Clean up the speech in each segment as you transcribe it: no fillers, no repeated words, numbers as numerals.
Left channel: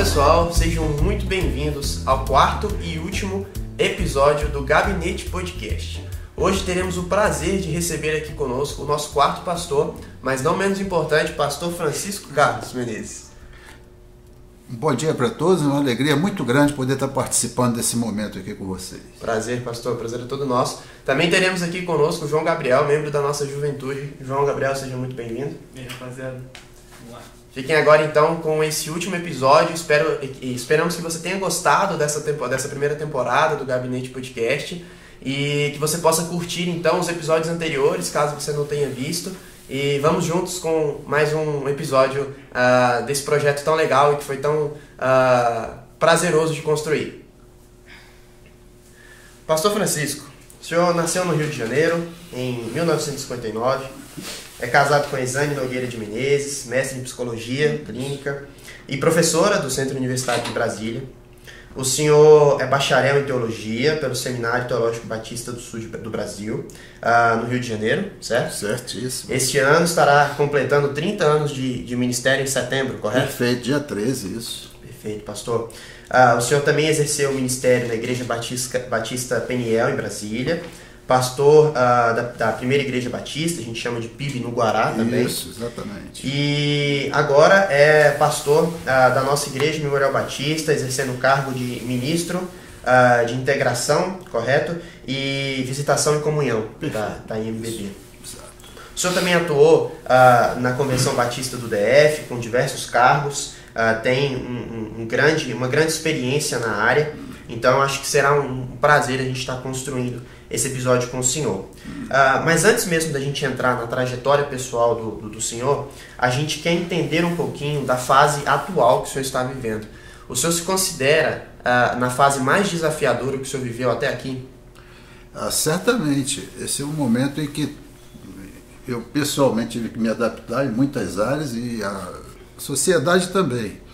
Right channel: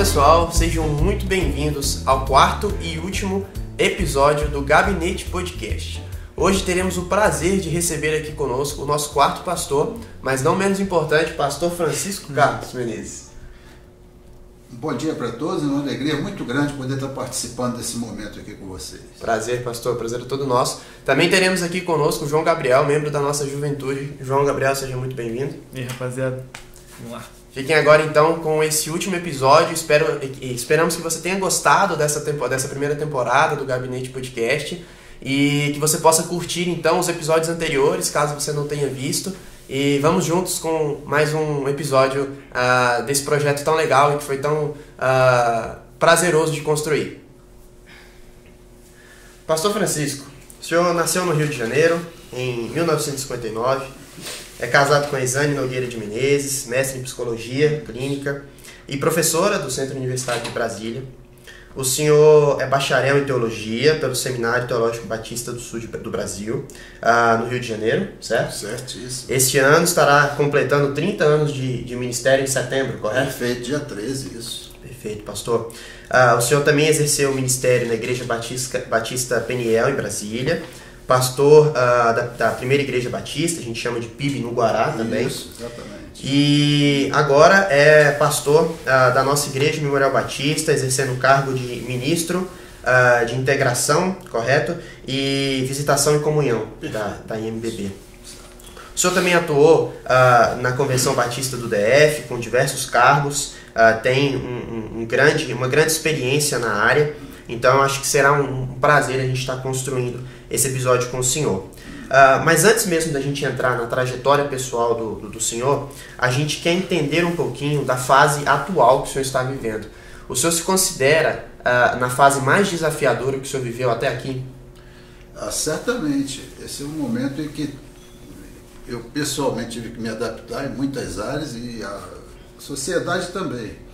pessoal, sejam muito bem-vindos ao quarto e último episódio do Gabinete Podcast. Hoje teremos o prazer de receber aqui conosco o nosso quarto pastor, mas não menos importante, pastor Francisco Carlos Menezes. Bom dia para todos, é uma alegria muito grande poder estar participando desse momento aqui com vocês. Prazer, pastor, prazer é todo nosso. Também teremos aqui conosco o João Gabriel, membro da nossa juventude. João Gabriel, seja muito bem-vindo. E aí, rapaziada, vamos lá. Fiquem agora então com esse último episódio. Esperamos que você tenha gostado dessa primeira temporada do Gabinete Podcast e que você possa curtir então os episódios anteriores, caso você não tenha visto. E vamos juntos com mais um episódio desse projeto tão legal e que foi tão prazeroso de construir. Pastor Francisco, o senhor nasceu no Rio de Janeiro em 1959. É casado com Exane Nogueira de Menezes, mestre em Psicologia Clínica e professora do Centro Universitário de Brasília. O senhor é bacharel em Teologia pelo Seminário Teológico Batista do Sul do Brasil, no Rio de Janeiro, certo? Certíssimo. Este ano estará completando 30 anos de ministério em setembro, correto? Perfeito, dia 13, isso. Perfeito, pastor. O senhor também exerceu o ministério na Igreja Batista Peniel, em Brasília. Pastor da primeira igreja batista, a gente chama de PIB no Guará também. Isso, exatamente. E agora é pastor da nossa igreja Memorial Batista, exercendo o cargo de ministro de integração, correto? E visitação e comunhão da IMBB. O senhor também atuou na Convenção Batista do DF, com diversos cargos, tem uma grande experiência na área. Então, eu acho que será um prazer a gente estar construindo esse episódio com o senhor. Mas antes mesmo da gente entrar na trajetória pessoal do senhor, a gente quer entender um pouquinho da fase atual que o senhor está vivendo. O senhor se considera na fase mais desafiadora que o senhor viveu até aqui? Certamente. Esse é um momento em que eu pessoalmente tive que me adaptar em muitas áreas e a sociedade também.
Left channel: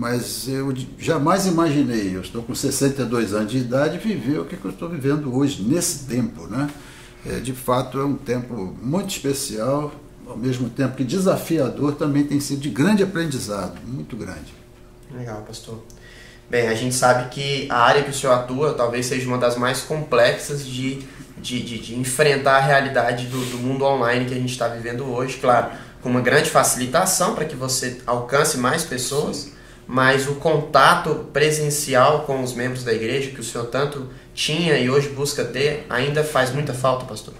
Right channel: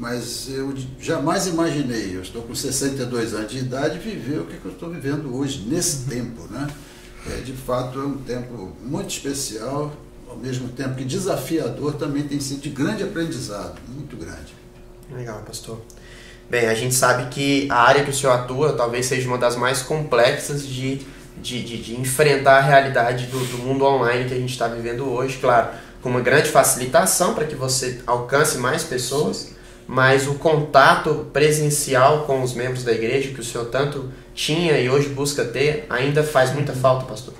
Mas eu jamais imaginei, eu estou com 62 anos de idade, viver o que eu estou vivendo hoje, nesse tempo, né? De fato, é um tempo muito especial, ao mesmo tempo que desafiador, também tem sido de grande aprendizado, muito grande. Legal, pastor. Bem, a gente sabe que a área que o senhor atua talvez seja uma das mais complexas de enfrentar a realidade do mundo online que a gente está vivendo hoje, claro, com uma grande facilitação para que você alcance mais pessoas, mas o contato presencial com os membros da igreja, que o senhor tanto tinha e hoje busca ter, ainda faz muita falta, pastor?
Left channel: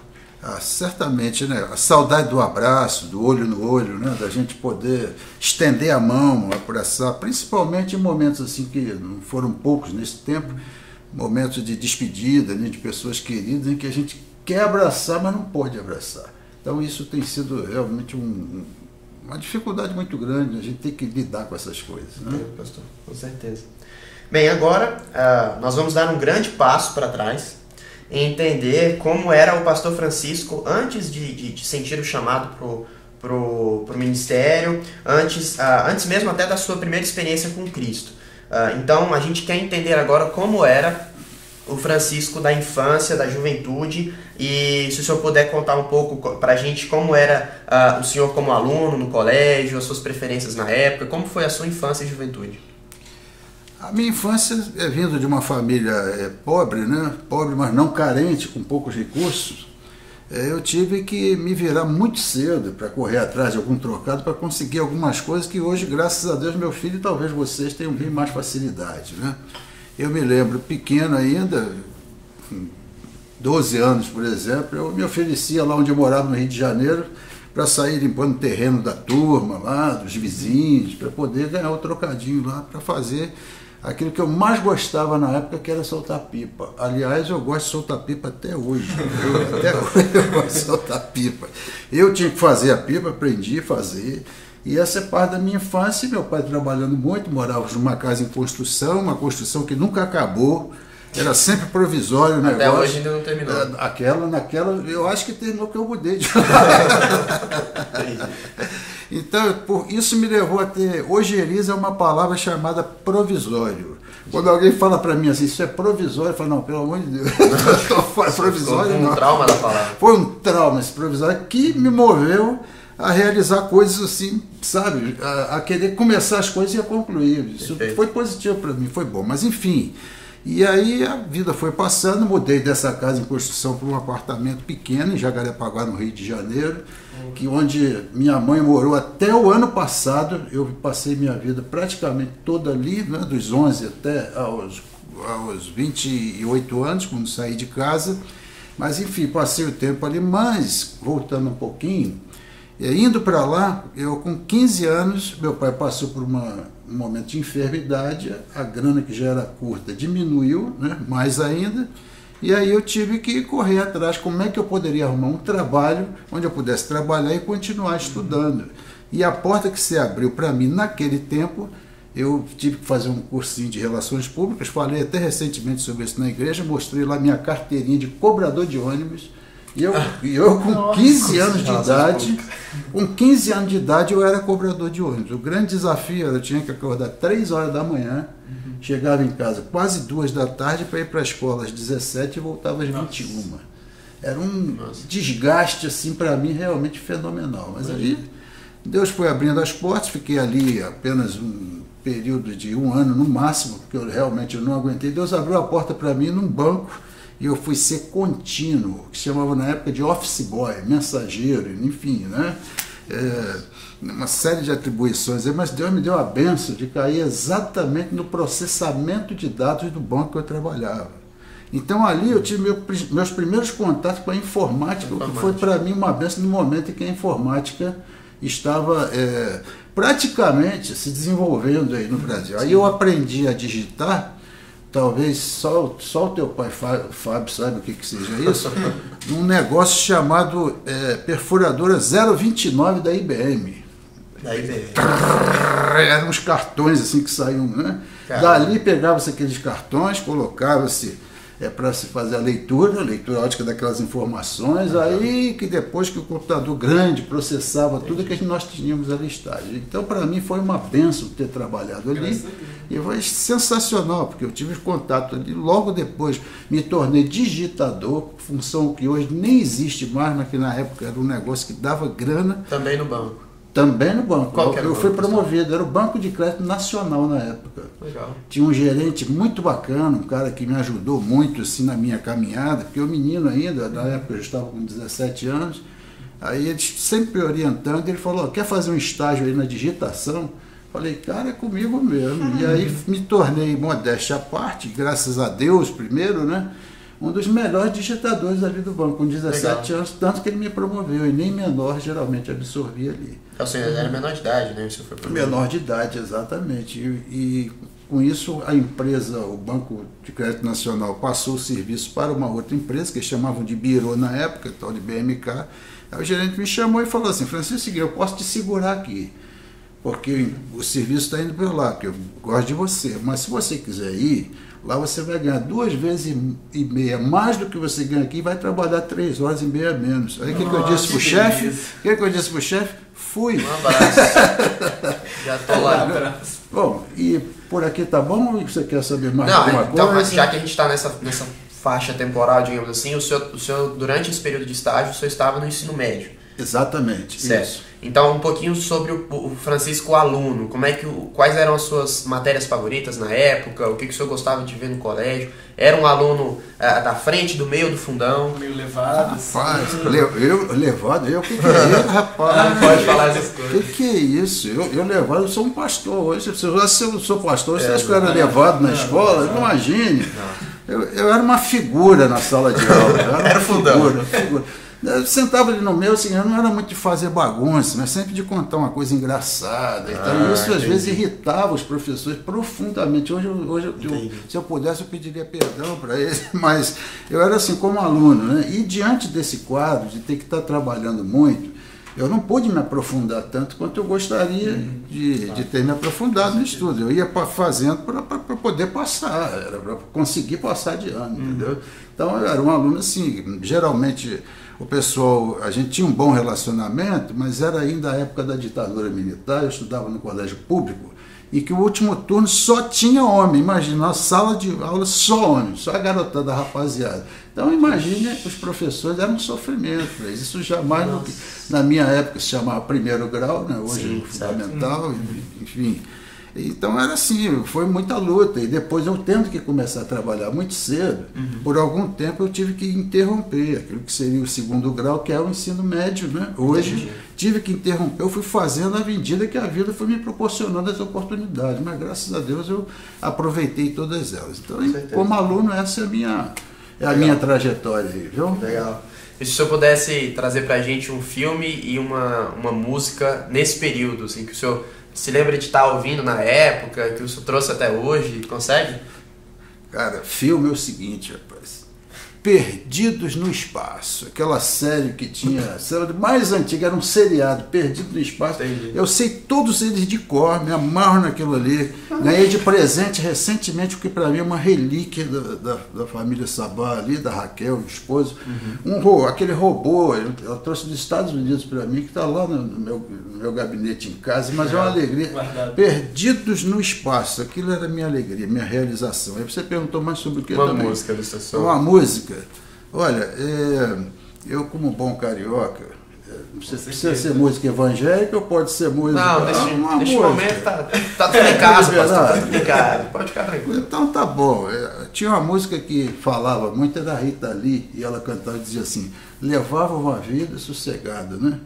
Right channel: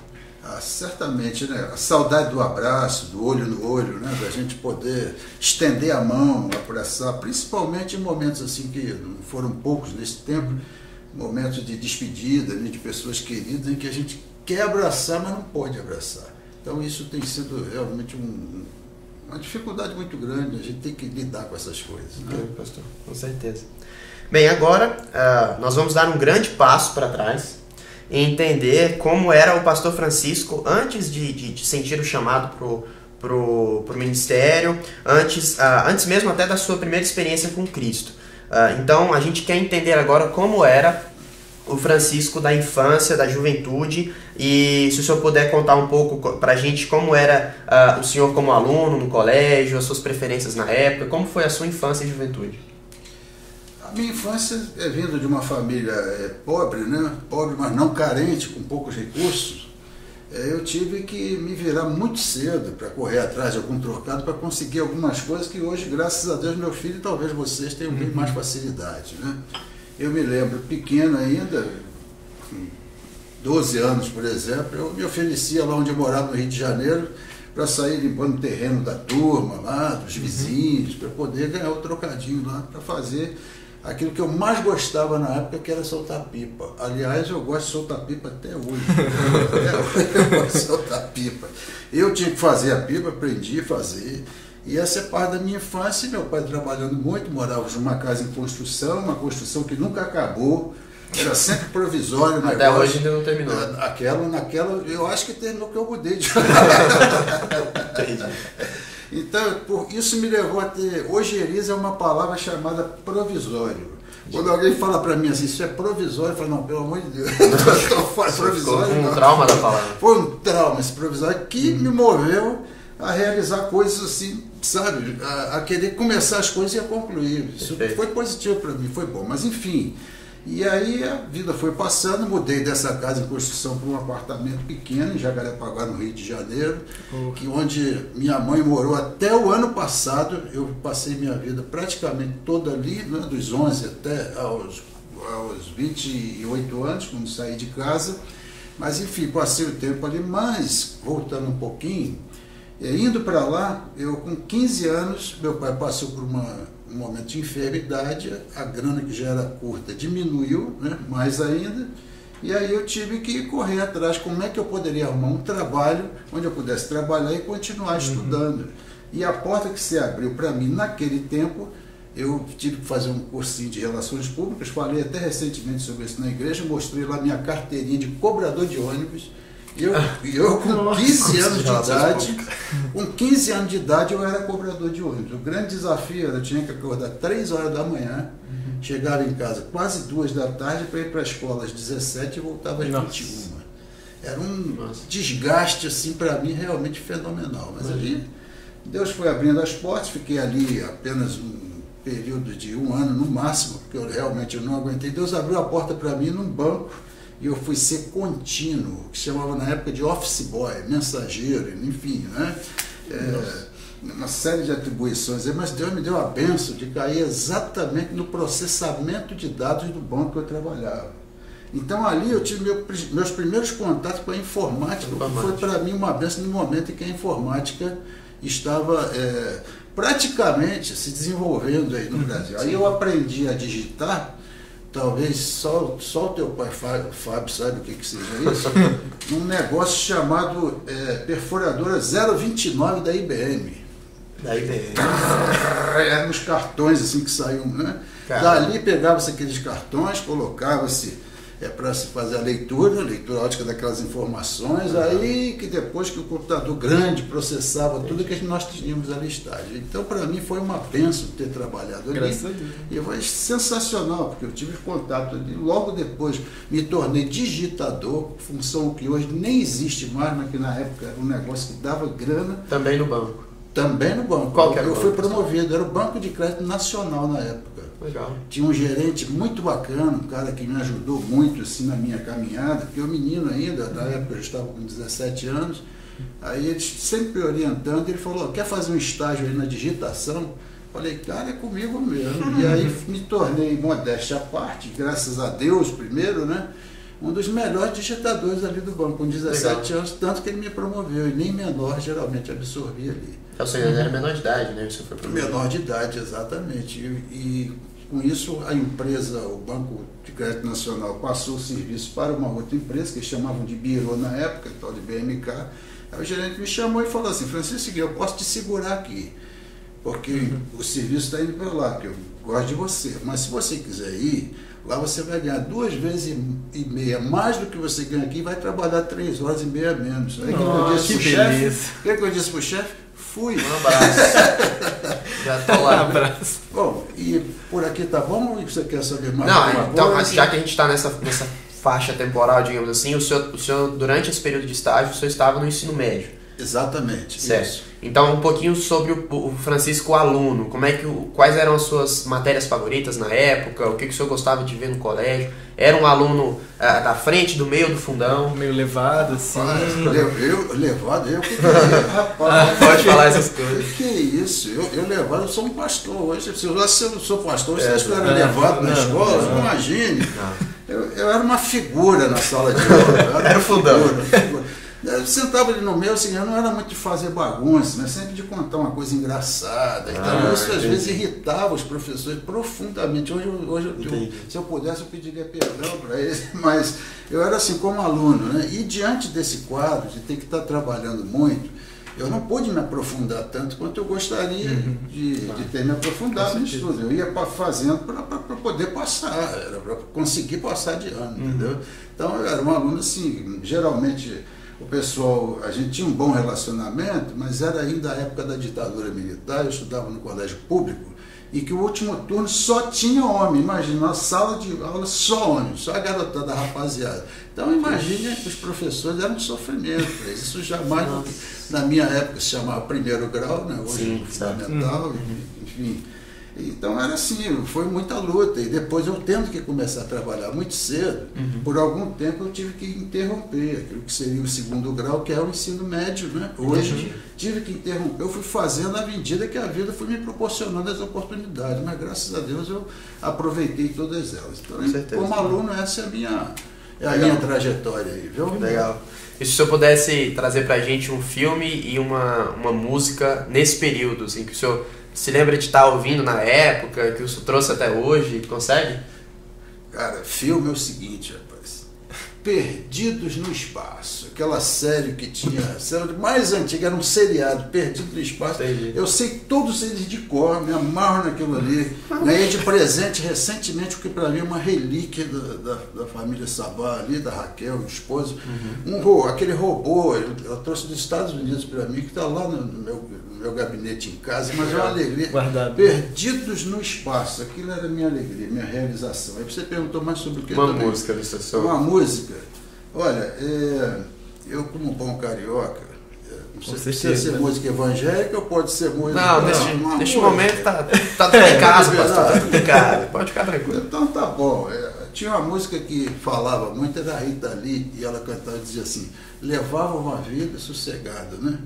Certamente, né? A saudade do abraço, do olho no olho, né? Da gente poder estender a mão, abraçar, principalmente em momentos assim que não foram poucos nesse tempo, momentos de despedida, né? De pessoas queridas, em que a gente quer abraçar, mas não pode abraçar. Então isso tem sido realmente uma dificuldade muito grande, a gente tem que lidar com essas coisas. Né? Entendo, pastor, com certeza. Bem, agora nós vamos dar um grande passo para trás e entender como era o pastor Francisco antes de sentir o chamado pro ministério, antes mesmo até da sua primeira experiência com Cristo. Então, a gente quer entender agora como era o Francisco da infância, da juventude, e se o senhor puder contar um pouco pra gente como era o senhor como aluno no colégio, as suas preferências na época, como foi a sua infância e juventude? A minha infância é vindo de uma família pobre, né? Pobre, mas não carente, com poucos recursos. Eu tive que me virar muito cedo para correr atrás de algum trocado para conseguir algumas coisas que hoje, graças a Deus, meu filho e talvez vocês tenham bem mais facilidade, né? Eu me lembro, pequeno ainda, 12 anos, por exemplo, eu me oferecia lá onde eu morava, no Rio de Janeiro, para sair limpando o terreno da turma, lá, dos vizinhos, para poder ganhar o trocadinho lá, para fazer aquilo que eu mais gostava na época, que era soltar pipa. Aliás, eu gosto de soltar pipa até hoje. Até hoje eu gosto de soltar pipa. Eu tinha que fazer a pipa, aprendi a fazer. E essa é parte da minha infância, meu pai trabalhando muito, morávamos numa casa em construção, uma construção que nunca acabou, era sempre provisório. Até negócio. Hoje ainda não terminou. Naquela, eu acho que terminou que eu mudei de Então, isso me levou a ter, ojeriza é uma palavra chamada provisório. Quando alguém fala para mim assim, isso é provisório, eu falo, não, pelo amor de Deus, provisório foi um trauma da palavra. Foi um trauma esse provisório que me moveu a realizar coisas assim, sabe? A querer começar as coisas e a concluir. Isso foi positivo para mim, foi bom. Mas enfim, e aí a vida foi passando, mudei dessa casa em construção para um apartamento pequeno em Jacarepaguá, no Rio de Janeiro, que onde minha mãe morou até o ano passado. Eu passei minha vida praticamente toda ali, né, dos 11 até aos 28 anos, quando saí de casa. Mas enfim, passei o tempo ali. Mas, voltando um pouquinho, indo para lá, eu com 15 anos, meu pai passou por um momento de enfermidade, a grana que já era curta diminuiu, né, mais ainda, e aí eu tive que correr atrás, como é que eu poderia arrumar um trabalho onde eu pudesse trabalhar e continuar estudando. E a porta que se abriu para mim naquele tempo, eu tive que fazer um cursinho de Relações Públicas, falei até recentemente sobre isso na igreja, mostrei lá minha carteirinha de cobrador de ônibus. E eu com 15 anos de idade, eu era cobrador de ônibus. O grande desafio era, eu tinha que acordar 3 horas da manhã, chegava em casa quase 2 da tarde para ir para a escola às 17 e voltava às 21. Era um desgaste assim para mim realmente fenomenal. Mas ali Deus foi abrindo as portas, fiquei ali apenas um período de 1 ano no máximo, porque eu não aguentei. Deus abriu a porta para mim num banco. E eu fui ser contínuo, que chamava na época de office boy, mensageiro, enfim, né? Uma série de atribuições, mas Deus me deu a benção de cair exatamente no processamento de dados do banco que eu trabalhava. Então ali eu tive meus primeiros contatos com a informática, que foi para mim uma benção no momento em que a informática estava praticamente se desenvolvendo aí no Brasil. Aí eu aprendi a digitar. Talvez só o teu pai, Fábio, saiba o que seja isso. Um negócio chamado perfuradora 029 da IBM. Eram uns cartões assim que saíam, né? Caramba. Dali pegava-se aqueles cartões, colocava-se para se fazer a leitura ótica daquelas informações, aí que depois que o computador grande processava tudo que nós tínhamos a listagem. Então, para mim, foi uma bênção ter trabalhado ali. E foi sensacional, porque eu tive contato ali. Logo depois, me tornei digitador, função que hoje nem existe mais, mas que na época era um negócio que dava grana. Também no banco? Também no banco. Qual que era o banco? Eu fui promovido, era o Banco de Crédito Nacional na época. Legal. Tinha um gerente muito bacana, um cara que me ajudou muito assim, na minha caminhada, porque eu menino ainda, na época eu estava com 17 anos, aí ele sempre orientando, ele falou, quer fazer um estágio aí na digitação? Falei, cara, é comigo mesmo. E aí me tornei, modéstia à parte, graças a Deus primeiro, né? Um dos melhores digitadores ali do banco, com 17 anos, tanto que ele me promoveu, e nem menor geralmente absorvia ali. Ou seja, era menor de idade, né? Isso foi menor de idade, exatamente. E com isso a empresa, o Banco de Crédito Nacional, passou o serviço para uma outra empresa, que eles chamavam de Biro na época, tal de BMK. Aí o gerente me chamou e falou assim, Francisco, eu posso te segurar aqui, porque o serviço está indo para lá, porque eu gosto de você, mas se você quiser ir, lá você vai ganhar 2,5 vezes mais do que você ganha aqui e vai trabalhar 3 horas e meia menos. Aí o que eu disse pro chefe? O que eu disse pro chefe? Fui. Um abraço. Já tô lá. Um abraço. Bom, e por aqui tá bom? Ou você quer saber mais alguma coisa? Então, já que a gente está nessa faixa temporal, digamos assim, o senhor, durante esse período de estágio, o senhor estava no ensino médio. Exatamente. Certo. Isso. Então, um pouquinho sobre o Francisco aluno. Quais eram as suas matérias favoritas na época? O que o senhor gostava de ver no colégio? Era um aluno da frente, do meio, do fundão? Meio levado, assim. Levado? Eu que é, rapaz. Pode falar essas coisas. Que é isso? Eu levado, eu sou um pastor hoje. Se eu sou pastor, você acha que eu era levado na escola? Não. Imagine. Não. Eu era uma figura na sala de aula. Era fundão. Eu sentava ali no meu, assim, eu não era muito de fazer bagunça, mas sempre de contar uma coisa engraçada. Então, isso às vezes irritava os professores profundamente. Hoje se eu pudesse, eu pediria perdão para eles, mas eu era assim como aluno, né? E diante desse quadro, de ter que estar trabalhando muito, eu não pude me aprofundar tanto quanto eu gostaria de ter me aprofundado no estudo. Eu ia fazendo para poder passar, era para conseguir passar de ano, entendeu? Então, eu era um aluno assim, geralmente... O pessoal, a gente tinha um bom relacionamento, mas era ainda a época da ditadura militar, eu estudava no colégio público, e que o último turno só tinha homem. Imagina, a sala de aula só homem, só a garotada, a rapaziada. Então imagine, os professores eram um sofrimento. Isso jamais, na minha época, se chamava primeiro grau, né? Hoje fundamental, enfim. Então era assim, foi muita luta. E depois eu tendo que começar a trabalhar muito cedo, por algum tempo eu tive que interromper aquilo que seria o segundo grau, que é o ensino médio, né? Hoje tive que interromper, eu fui fazendo à medida que a vida foi me proporcionando as oportunidades, mas graças a Deus eu aproveitei todas elas. Então, como aluno, essa é a minha trajetória aí, viu? Legal. E se o senhor pudesse trazer pra gente um filme e uma música nesse período, assim, que o senhor se lembra de estar ouvindo na época, que o senhor trouxe até hoje, consegue? Cara, filme é o seguinte, rapaz. Perdidos no Espaço. Aquela série que tinha, a série mais antiga, era um seriado, Perdido no Espaço. Entendi. Eu sei todos eles de cor, me amarro naquilo ali. Ganhei de presente recentemente, porque para mim é uma relíquia da família Sabá ali, da Raquel, o esposo. Aquele robô, eu trouxe dos Estados Unidos para mim, que está lá no meu gabinete em casa, mas é uma alegria. Guardado. Perdidos no Espaço, aquilo era minha alegria, minha realização. Aí você perguntou mais sobre o que? Uma música da estação. Uma música. Olha, eu como bom carioca, precisa ser música evangélica ou pode ser música... Não, neste momento tá tudo em casa, pastor, tá tudo em casa, pode ficar tranquilo. Então tá bom. Tinha uma música que falava muito, era a Rita Lee, e ela cantava e dizia assim: levava uma vida sossegada, né?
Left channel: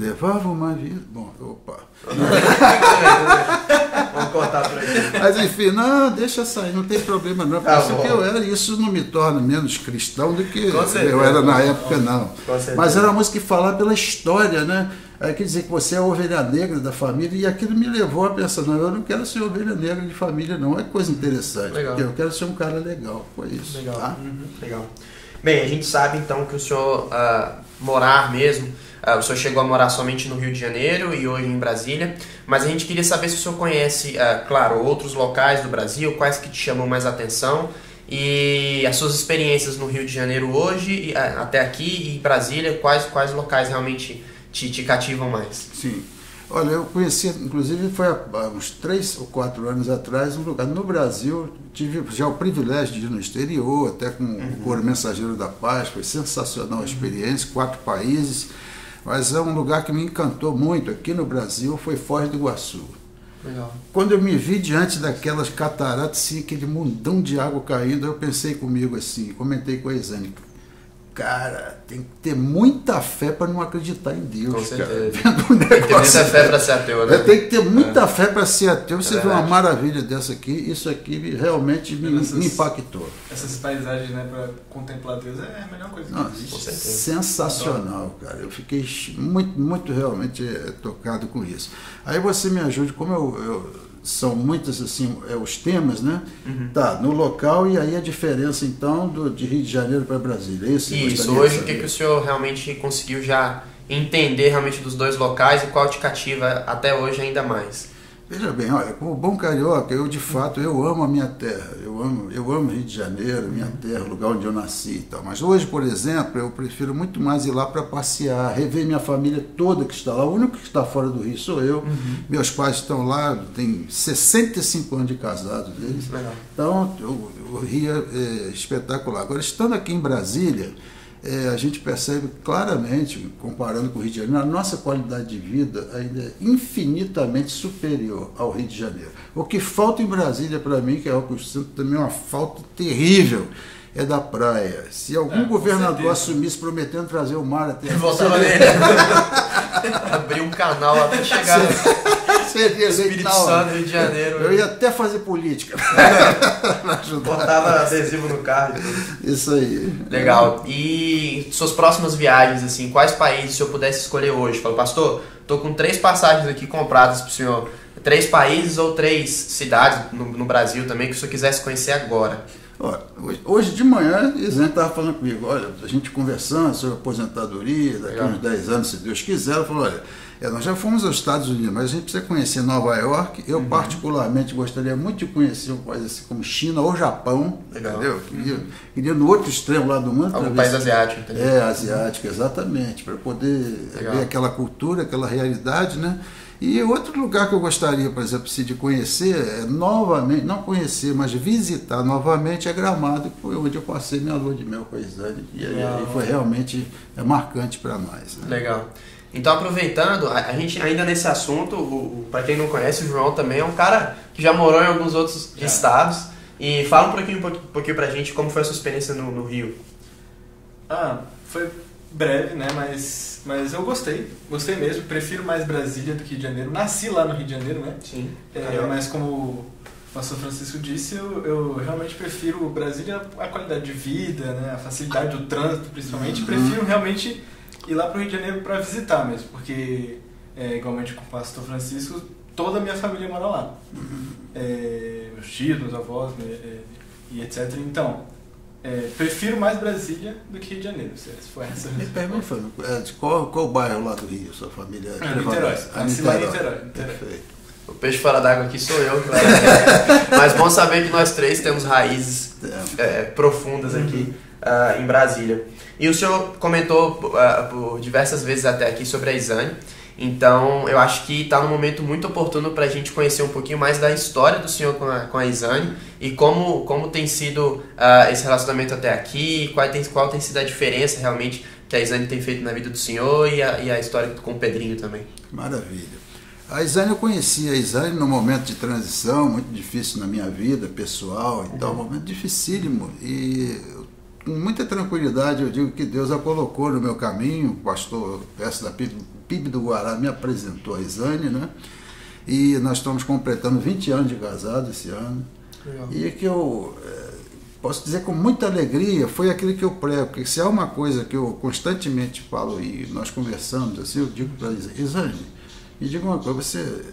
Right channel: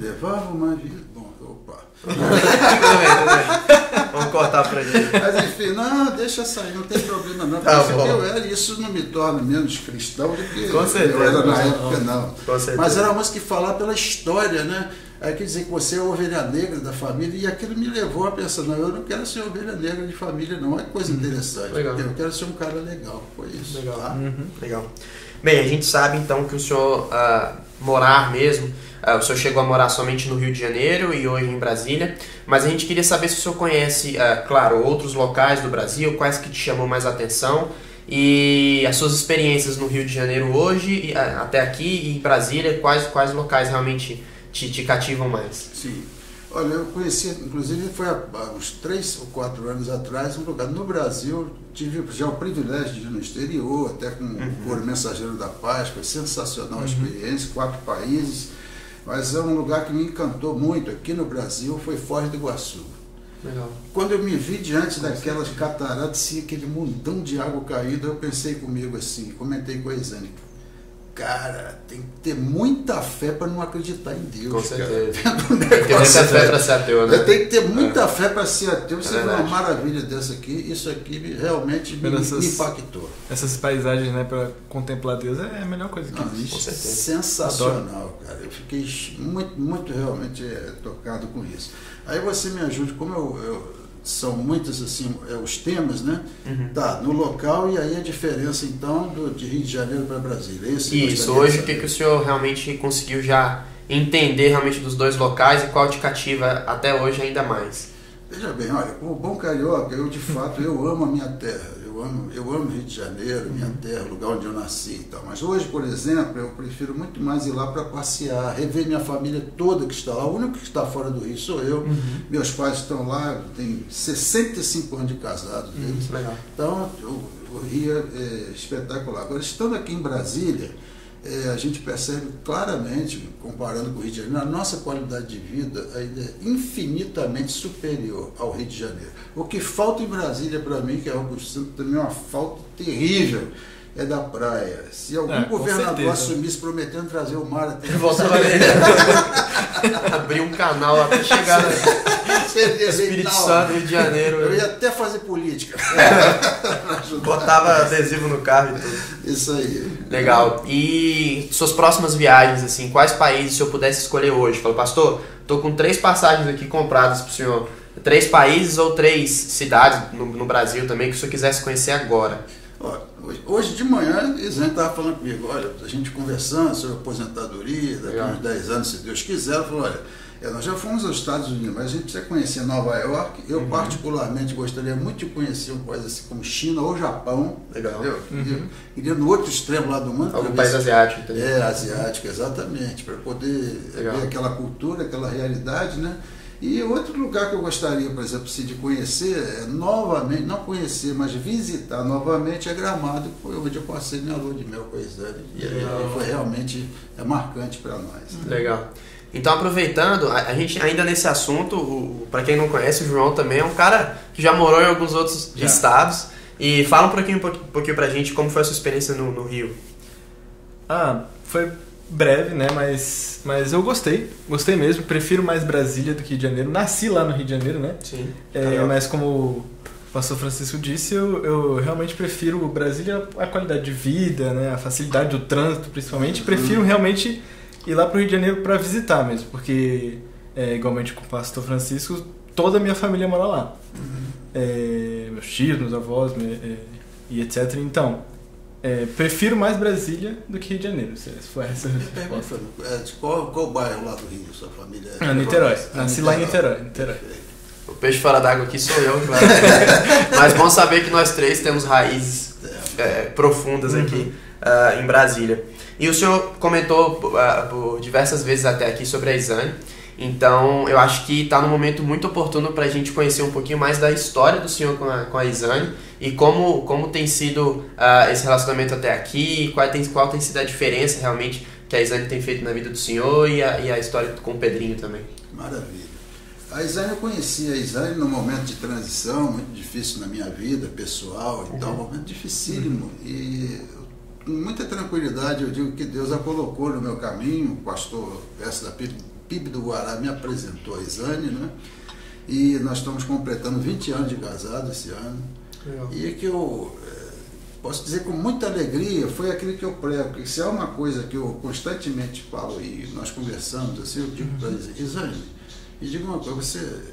Levava uma vida... Bom, opa. Vamos cortar pra ele. Mas enfim, não, deixa sair, não tem problema não. Tá Porque eu era, isso não me torna menos cristão do que Com certeza, eu era na época, não. Com certeza. Mas era uma música que falava pela história, né? Aí quer dizer que você é a ovelha negra da família, e aquilo me levou a pensar, não, eu não quero ser ovelha negra de família, não. É coisa interessante. Legal. Eu quero ser um cara legal, foi isso. Legal. Tá? Legal. Bem, a gente sabe então que o senhor morar mesmo, o senhor chegou a morar somente no Rio de Janeiro e hoje em Brasília, mas a gente queria saber se o senhor conhece, claro, outros locais do Brasil, quais que te chamam mais atenção, e as suas experiências no Rio de Janeiro hoje, até aqui, e em Brasília, quais locais realmente te cativam mais? Sim. Olha, eu conheci, inclusive foi há uns 3 ou 4 anos atrás, um lugar no Brasil, tive já o privilégio de ir no exterior, até com o Coro Mensageiro da Paz, foi sensacional a experiência, 4 países, mas é um lugar que me encantou muito aqui no Brasil, foi Foz do Iguaçu. Legal. Quando eu me vi diante daquelas cataratas, aquele montão de água caindo, eu pensei comigo assim, comentei com a Exane: cara, tem que ter muita fé para não acreditar em Deus. Com certeza. Cara. Tem que ter muita fé para ser ateu, né? Tem que ter muita fé para ser ateu. Você vê uma maravilha dessa aqui, isso aqui realmente me impactou. Essas paisagens, né, para contemplar Deus é a melhor coisa que existe. Com certeza. Sensacional, cara. Eu fiquei muito realmente tocado com isso. Aí você me ajude, como são muitos assim, os temas, né? Tá, no local, e aí a diferença então de Rio de Janeiro para Brasília. Isso, hoje o que o senhor realmente conseguiu já entender realmente dos dois locais e qual te cativa até hoje ainda mais? Veja bem, olha, como bom carioca, eu de fato eu amo a minha terra, eu amo Rio de Janeiro, minha terra, o lugar onde eu nasci e tal. Mas hoje, por exemplo, eu prefiro muito mais ir lá para passear, rever minha família toda que está lá. O único que está fora do Rio sou eu. Meus pais estão lá, tem 65 anos de casados deles. Legal. Então, o Rio é espetacular. Agora, estando aqui em Brasília, a gente percebe claramente, comparando com o Rio de Janeiro, a nossa qualidade de vida ainda é infinitamente superior ao Rio de Janeiro. O que falta em Brasília, para mim, que é algo também uma falta terrível, é da praia. Se algum governador assumisse prometendo trazer o mar até... Voltava nele. Abrir um canal lá para chegar Espírito Santo, Rio de Janeiro. Eu ia até fazer política. Botava adesivo no carro e tudo. Isso aí. Legal. E suas próximas viagens, assim, quais países o senhor pudesse escolher hoje? Fala, pastor, tô com 3 passagens aqui compradas pro senhor. 3 países ou 3 cidades no Brasil também que o senhor quisesse conhecer agora? Olha, hoje de manhã, a Isane estava falando comigo, olha, a gente conversando sobre aposentadoria, daqui a uns 10 anos, se Deus quiser, ela falou, olha, nós já fomos aos Estados Unidos, mas a gente precisa conhecer Nova York. Eu particularmente gostaria muito de conhecer um país assim como China ou Japão. Legal. Entendeu? Queria no outro extremo lá do mundo. Algum país asiático, entendeu? Asiático, exatamente, para poder Legal. ver aquela cultura, aquela realidade, né? E outro lugar que eu gostaria, por exemplo, de conhecer, novamente, não conhecer, mas visitar novamente, é Gramado, que foi onde eu passei minha lua de mel com a Isane. E foi realmente marcante para nós. Legal. Então, aproveitando, a gente ainda nesse assunto, para quem não conhece, o João também é um cara que já morou em alguns outros estados. E fala um pouquinho pra gente como foi a sua experiência no Rio. Foi breve, né? Mas eu gostei mesmo. Prefiro mais Brasília do que Rio de Janeiro. Nasci lá no Rio de Janeiro, né? Sim. Mas como o pastor Francisco disse, eu realmente prefiro Brasília, a qualidade de vida, né? A facilidade do trânsito, principalmente. Prefiro realmente ir lá pro Rio de Janeiro para visitar mesmo, porque igualmente com o pastor Francisco, toda a minha família mora lá. Meus tios, meus avós e etc. Então, prefiro mais Brasília do que Rio de Janeiro. Se foi essa a resposta. De qual bairro lá do Rio sua família? Niterói. Nasci lá em Niterói. O peixe fora d'água aqui sou eu. Mas bom saber que nós três temos raízes profundas aqui em Brasília. E o senhor comentou por diversas vezes até aqui sobre a Isane. Então, eu acho que está num momento muito oportuno para a gente conhecer um pouquinho mais da história do senhor com a Isane e como tem sido esse relacionamento até aqui, qual tem sido a diferença realmente que a Isane tem feito na vida do senhor e a história com o Pedrinho também. Maravilha. A Isane, eu conheci a Isane num momento de transição muito difícil na minha vida pessoal, então, um momento dificílimo, e com muita tranquilidade eu digo que Deus a colocou no meu caminho. O pastor Peço da PIB do Guará me apresentou a Isane, né? E nós estamos completando 20 anos de casado esse ano. Legal. E que eu posso dizer com muita alegria, foi aquilo que eu prego, porque se há uma coisa que eu constantemente falo e nós conversamos assim, eu digo para a Isane, me diga uma coisa, você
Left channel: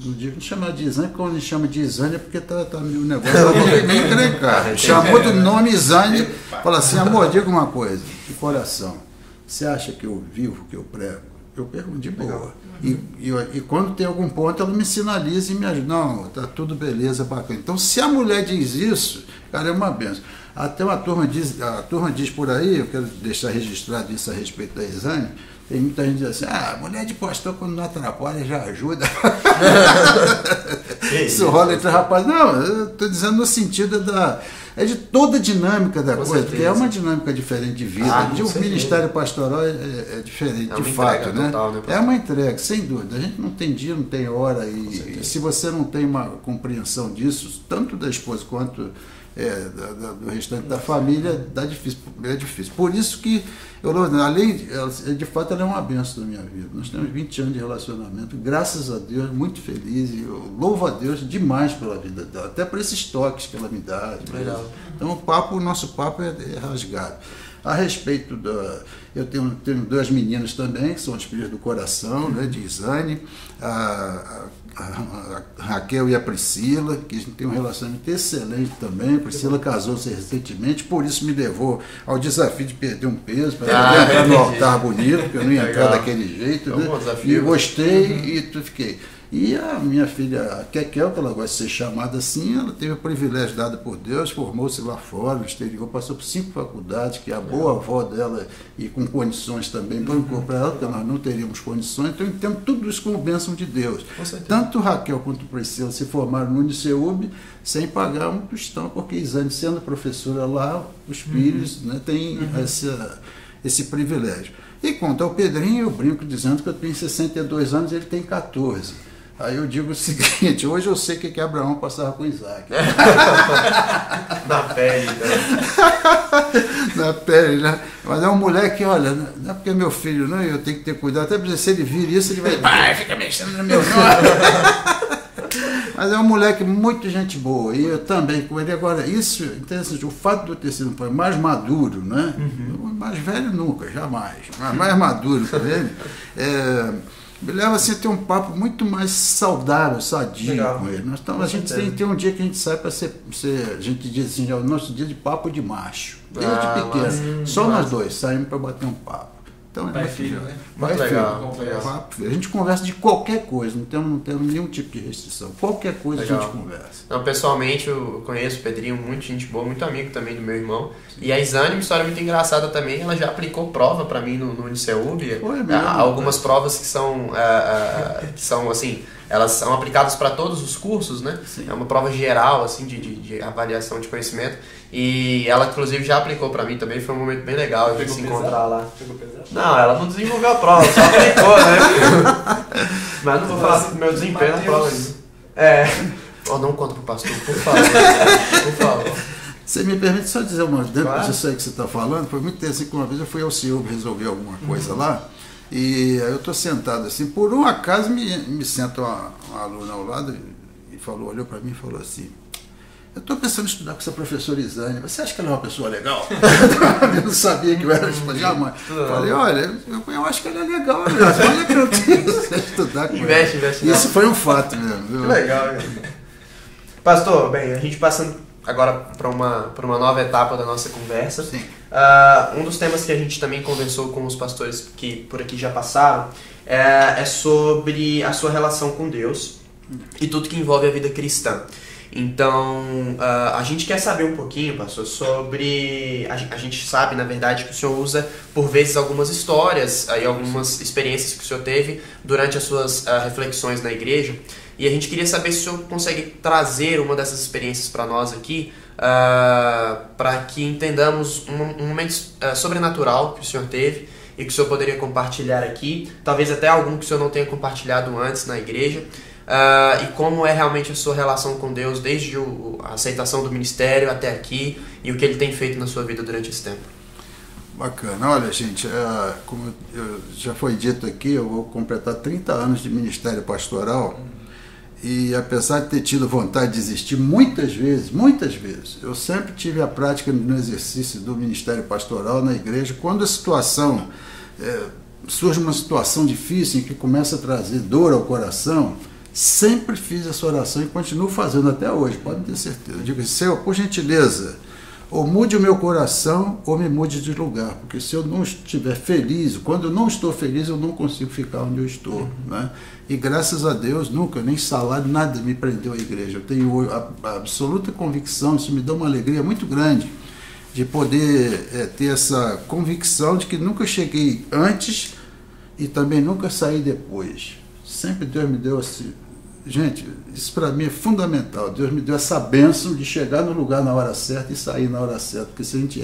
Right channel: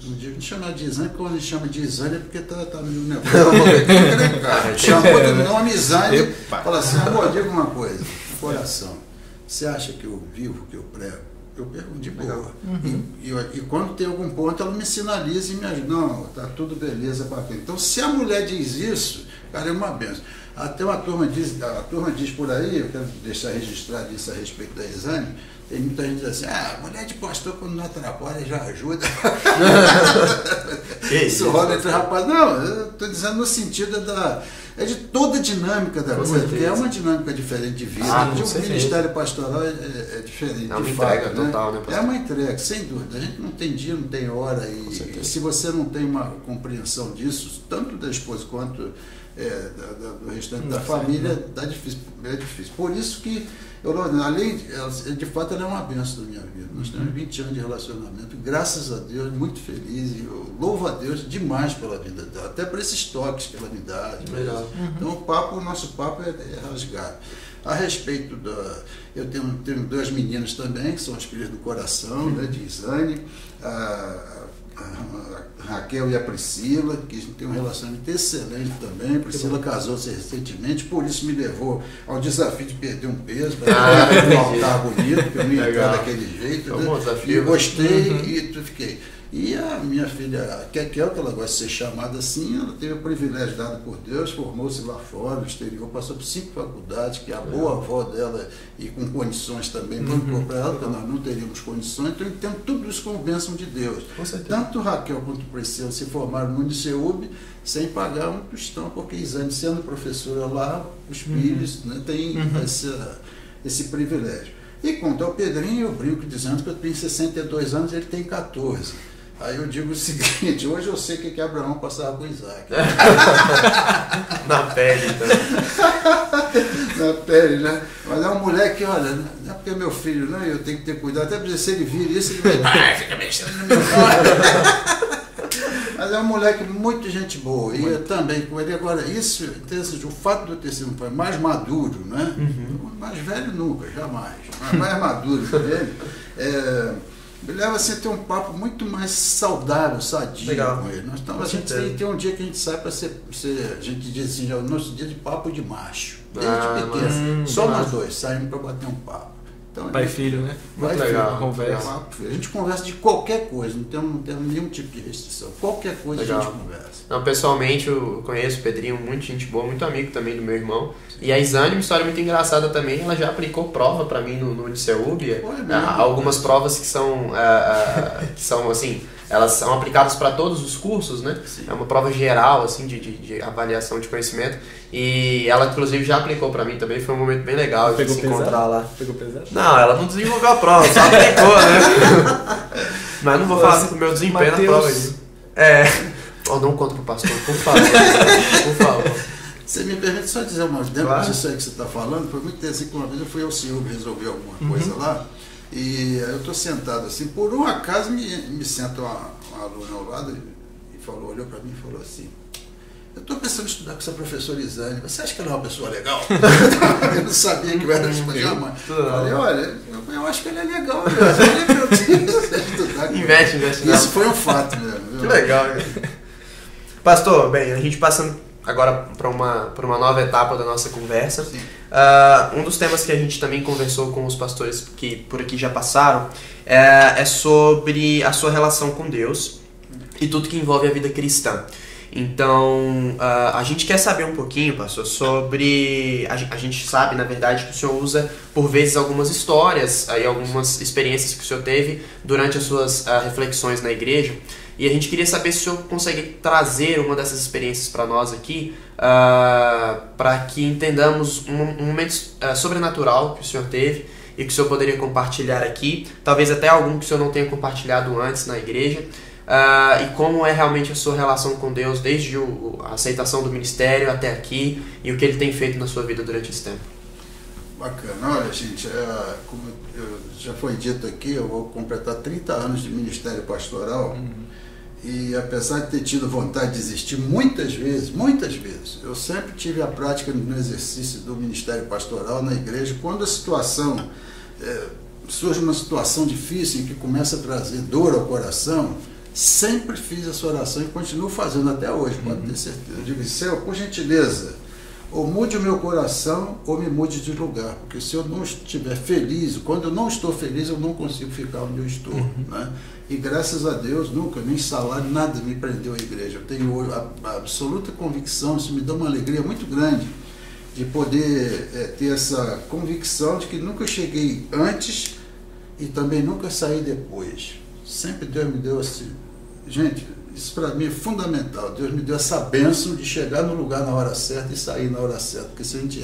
não chama de Isane, porque quando me chama de Isane é porque tá no negócio. Chamou do nome Isane, fala assim, amor, diga uma coisa, de coração, você acha que eu vivo, que eu prego? Eu pergunto de boa. E quando tem algum ponto, ela me sinaliza e me ajuda. Não, tá tudo beleza, bacana. Então, se a mulher diz isso, cara, é uma benção. Até a turma diz por aí, eu quero deixar registrado isso a respeito da Isane, tem muita gente que diz assim, mulher de pastor quando não atrapalha já ajuda. Isso rola entre rapazes. Não, eu estou dizendo no sentido de toda a dinâmica da coisa, porque é uma dinâmica diferente de vida. O ministério pastoral é diferente, de fato. Total, né, é uma entrega, sem dúvida. A gente não tem dia, não tem hora, e se você não tem uma compreensão disso, tanto da esposa quanto do restante da família, é difícil. Por isso que de fato, ela é uma bênção na minha vida. Nós temos 20 anos de relacionamento, graças a Deus, muito feliz, e eu louvo a Deus demais pela vida dela, até por esses toques que ela me dá. Legal. Então, o nosso papo é rasgado. A respeito eu tenho duas meninas também, que são as filhas do coração, né, de Isane, a Raquel e a Priscila, que a gente tem um relacionamento excelente também. A Priscila casou-se recentemente, por isso me levou ao desafio de perder um peso, para voltar bonito, porque eu não ia entrar daquele jeito. Né? E eu gostei e fiquei. E a minha filha, a Kekel, que ela gosta de ser chamada assim, ela teve o privilégio dado por Deus, formou-se lá fora, no exterior, passou por 5 faculdades, que é a boa avó dela, e com condições também, bancou para ela, porque nós não teríamos condições. Então eu entendo tudo isso como bênção de Deus. Tanto Raquel quanto Priscila se formaram no Uniceub sem pagar um tostão, porque Isane, sendo professora lá, os filhos têm esse privilégio. E quanto ao Pedrinho, eu brinco dizendo que eu tenho 62 anos e ele tem 14. Aí eu digo o seguinte, hoje eu sei o que Abraão passava com Isaac. Na pele, então. Na pele, né? Mas é um moleque, olha, não é porque é meu filho, não, eu tenho que ter cuidado, até porque se ele vir isso, ele vai fica mexendo no meu filho. Mas é um moleque muito gente boa, e eu também com ele. Agora, isso, interessante, o fato de eu ter sido mais maduro, né? Mais velho nunca, jamais, mas mais maduro que ele, me leva assim, a ter um papo muito mais saudável, sadio com ele. Então, a gente tem um dia que a gente sai para ser, a gente diz assim, o nosso dia de papo de macho, desde pequeno. Só nós dois saímos para bater um papo. Então, pai e filho, né? Muito legal. A gente conversa de qualquer coisa, não temos nenhum tipo de restrição. Qualquer coisa legal. A gente conversa. Não, pessoalmente eu conheço o Pedrinho, muito gente boa, muito amigo também do meu irmão. E a Isane, uma história muito engraçada também, ela já aplicou prova para mim no Uniceúbia. Algumas provas que são assim, elas são aplicadas para todos os cursos, né? Sim. É uma prova geral, assim, de avaliação de conhecimento. E ela, inclusive, já aplicou para mim também. Foi um momento bem legal de se encontrar lá. Pegou pesado? Não, ela não desenvolveu a prova, só aplicou, né? Mas não vou falar do meu desempenho na prova aí. Não conta pro pastor, por favor. Por favor. Você me permite só dizer uma coisa, claro. Disso aí que você está falando, foi muito interessante que uma vez eu fui ao Senhor resolver alguma coisa lá, e eu estou sentado assim, por um acaso me senta uma aluna ao lado e olhou para mim e falou assim, eu estou pensando em estudar com essa professora Isane, você acha que ela é uma pessoa legal? Eu não sabia que eu era espanhol, mas falei, olha, eu acho que ela é legal, estudar com investe ela. Isso foi um fato mesmo. Que legal, pastor, bem, a gente passando agora para uma nova etapa da nossa conversa. Um dos temas que a gente também conversou com os pastores que por aqui já passaram é sobre a sua relação com Deus e tudo que envolve a vida cristã. Então, a gente quer saber um pouquinho, pastor, sobre... A gente sabe, na verdade, que o senhor usa, por vezes, algumas histórias e algumas experiências que o senhor teve durante as suas reflexões na igreja. E a gente queria saber se o senhor consegue trazer uma dessas experiências para nós aqui, para que entendamos um momento sobrenatural que o senhor teve e que o senhor poderia compartilhar aqui, talvez até algum que o senhor não tenha compartilhado antes na igreja, e como é realmente a sua relação com Deus desde a aceitação do ministério até aqui e o que ele tem feito na sua vida durante esse tempo. Bacana. Olha, gente, como já foi dito aqui, eu vou completar 30 anos de ministério pastoral. E apesar de ter tido vontade de desistir muitas vezes, eu sempre tive a prática no exercício do ministério pastoral na igreja. Quando a situação, surge uma situação difícil em que começa a trazer dor ao coração, sempre fiz essa oração e continuo fazendo até hoje, pode ter certeza. Eu digo, Senhor, por gentileza, ou mude o meu coração ou me mude de lugar, porque se eu não estiver feliz, quando eu não estou feliz, eu não consigo ficar onde eu estou, né? E graças a Deus, nunca, nem salário, nada me prendeu à igreja. Eu tenho a absoluta convicção, isso me dá uma alegria muito grande, de poder ter essa convicção de que nunca cheguei antes e também nunca saí depois. Sempre Deus me deu assim. Gente, isso para mim é fundamental. Deus me deu essa bênção de chegar no lugar na hora certa e sair na hora certa. Porque se a gente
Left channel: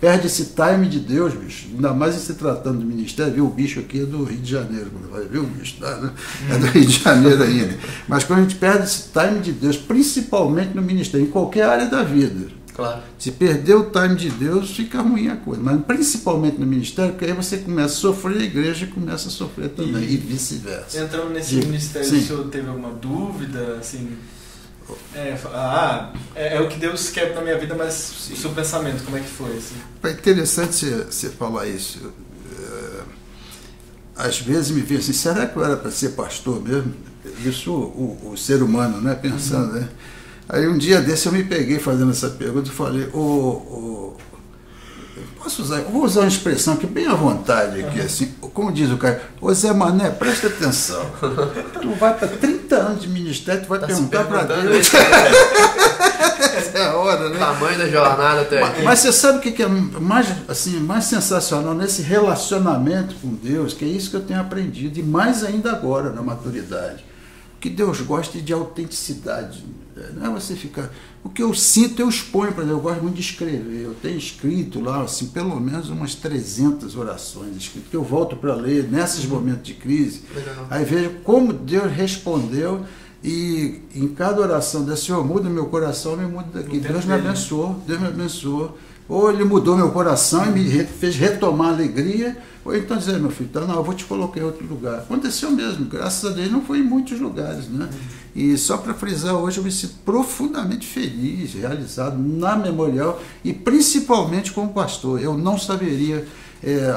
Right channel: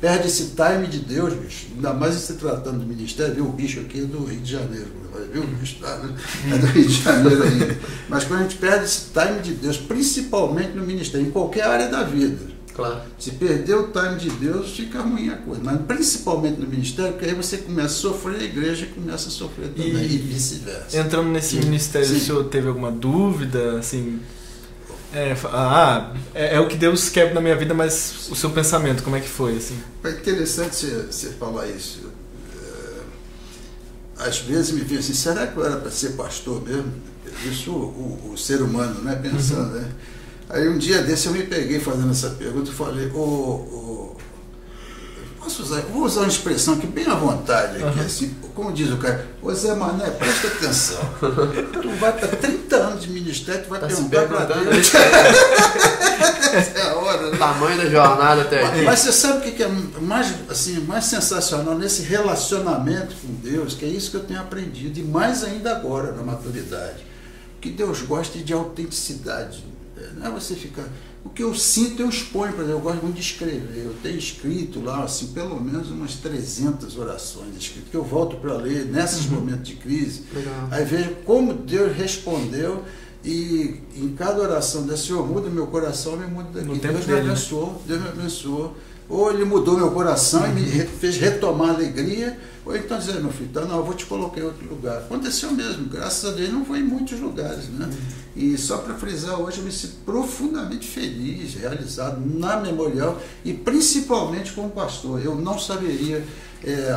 perde esse time de Deus, bicho, ainda mais se tratando do ministério, viu? O bicho aqui é do Rio de Janeiro, viu? O bicho tá, né? É do Rio de Janeiro ainda. Mas quando a gente perde esse time de Deus, principalmente no ministério, em qualquer área da vida. Claro. Se perder o time de Deus, fica ruim a coisa. Mas principalmente no ministério, porque aí você começa a sofrer, a igreja começa a sofrer também, e vice-versa. Entrando nesse ministério, o senhor teve alguma dúvida? Assim, é o que Deus quer na minha vida, mas o seu pensamento, como é que foi? Assim? É interessante você falar isso. Às vezes me vê assim, será que eu era para ser pastor mesmo? Isso o ser humano, né? Pensando, né? Aí um dia desse eu me peguei fazendo essa pergunta e falei, vou usar uma expressão aqui bem à vontade, aqui, assim, como diz o cara, ô Zé Mané, presta atenção, tu vai para 30 anos de ministério, tu vai perguntar para Deus. Essa é a hora, né? Tamanho da jornada até aqui. Mas você sabe o que é mais sensacional nesse relacionamento com Deus, que é isso que eu tenho aprendido, e mais ainda agora na maturidade, que Deus gosta de autenticidade. Não é você ficar... O que eu sinto, eu exponho, por exemplo, eu gosto muito de escrever. Eu tenho escrito lá, assim, pelo menos umas 300 orações escritas, que eu volto para ler nesses momentos de crise. Legal. Aí vejo como Deus respondeu e em cada oração desse Senhor, muda meu coração, me muda daqui. Deus me abençoou, Deus me abençoou. Ou ele mudou meu coração e me fez retomar a alegria, ou então dizer, meu filho, tá, não, eu vou te colocar em outro lugar. Aconteceu mesmo, graças a Deus não foi em muitos lugares, né? E só para frisar, hoje eu me sinto profundamente feliz, realizado na Memorial e principalmente como pastor. Eu não saberia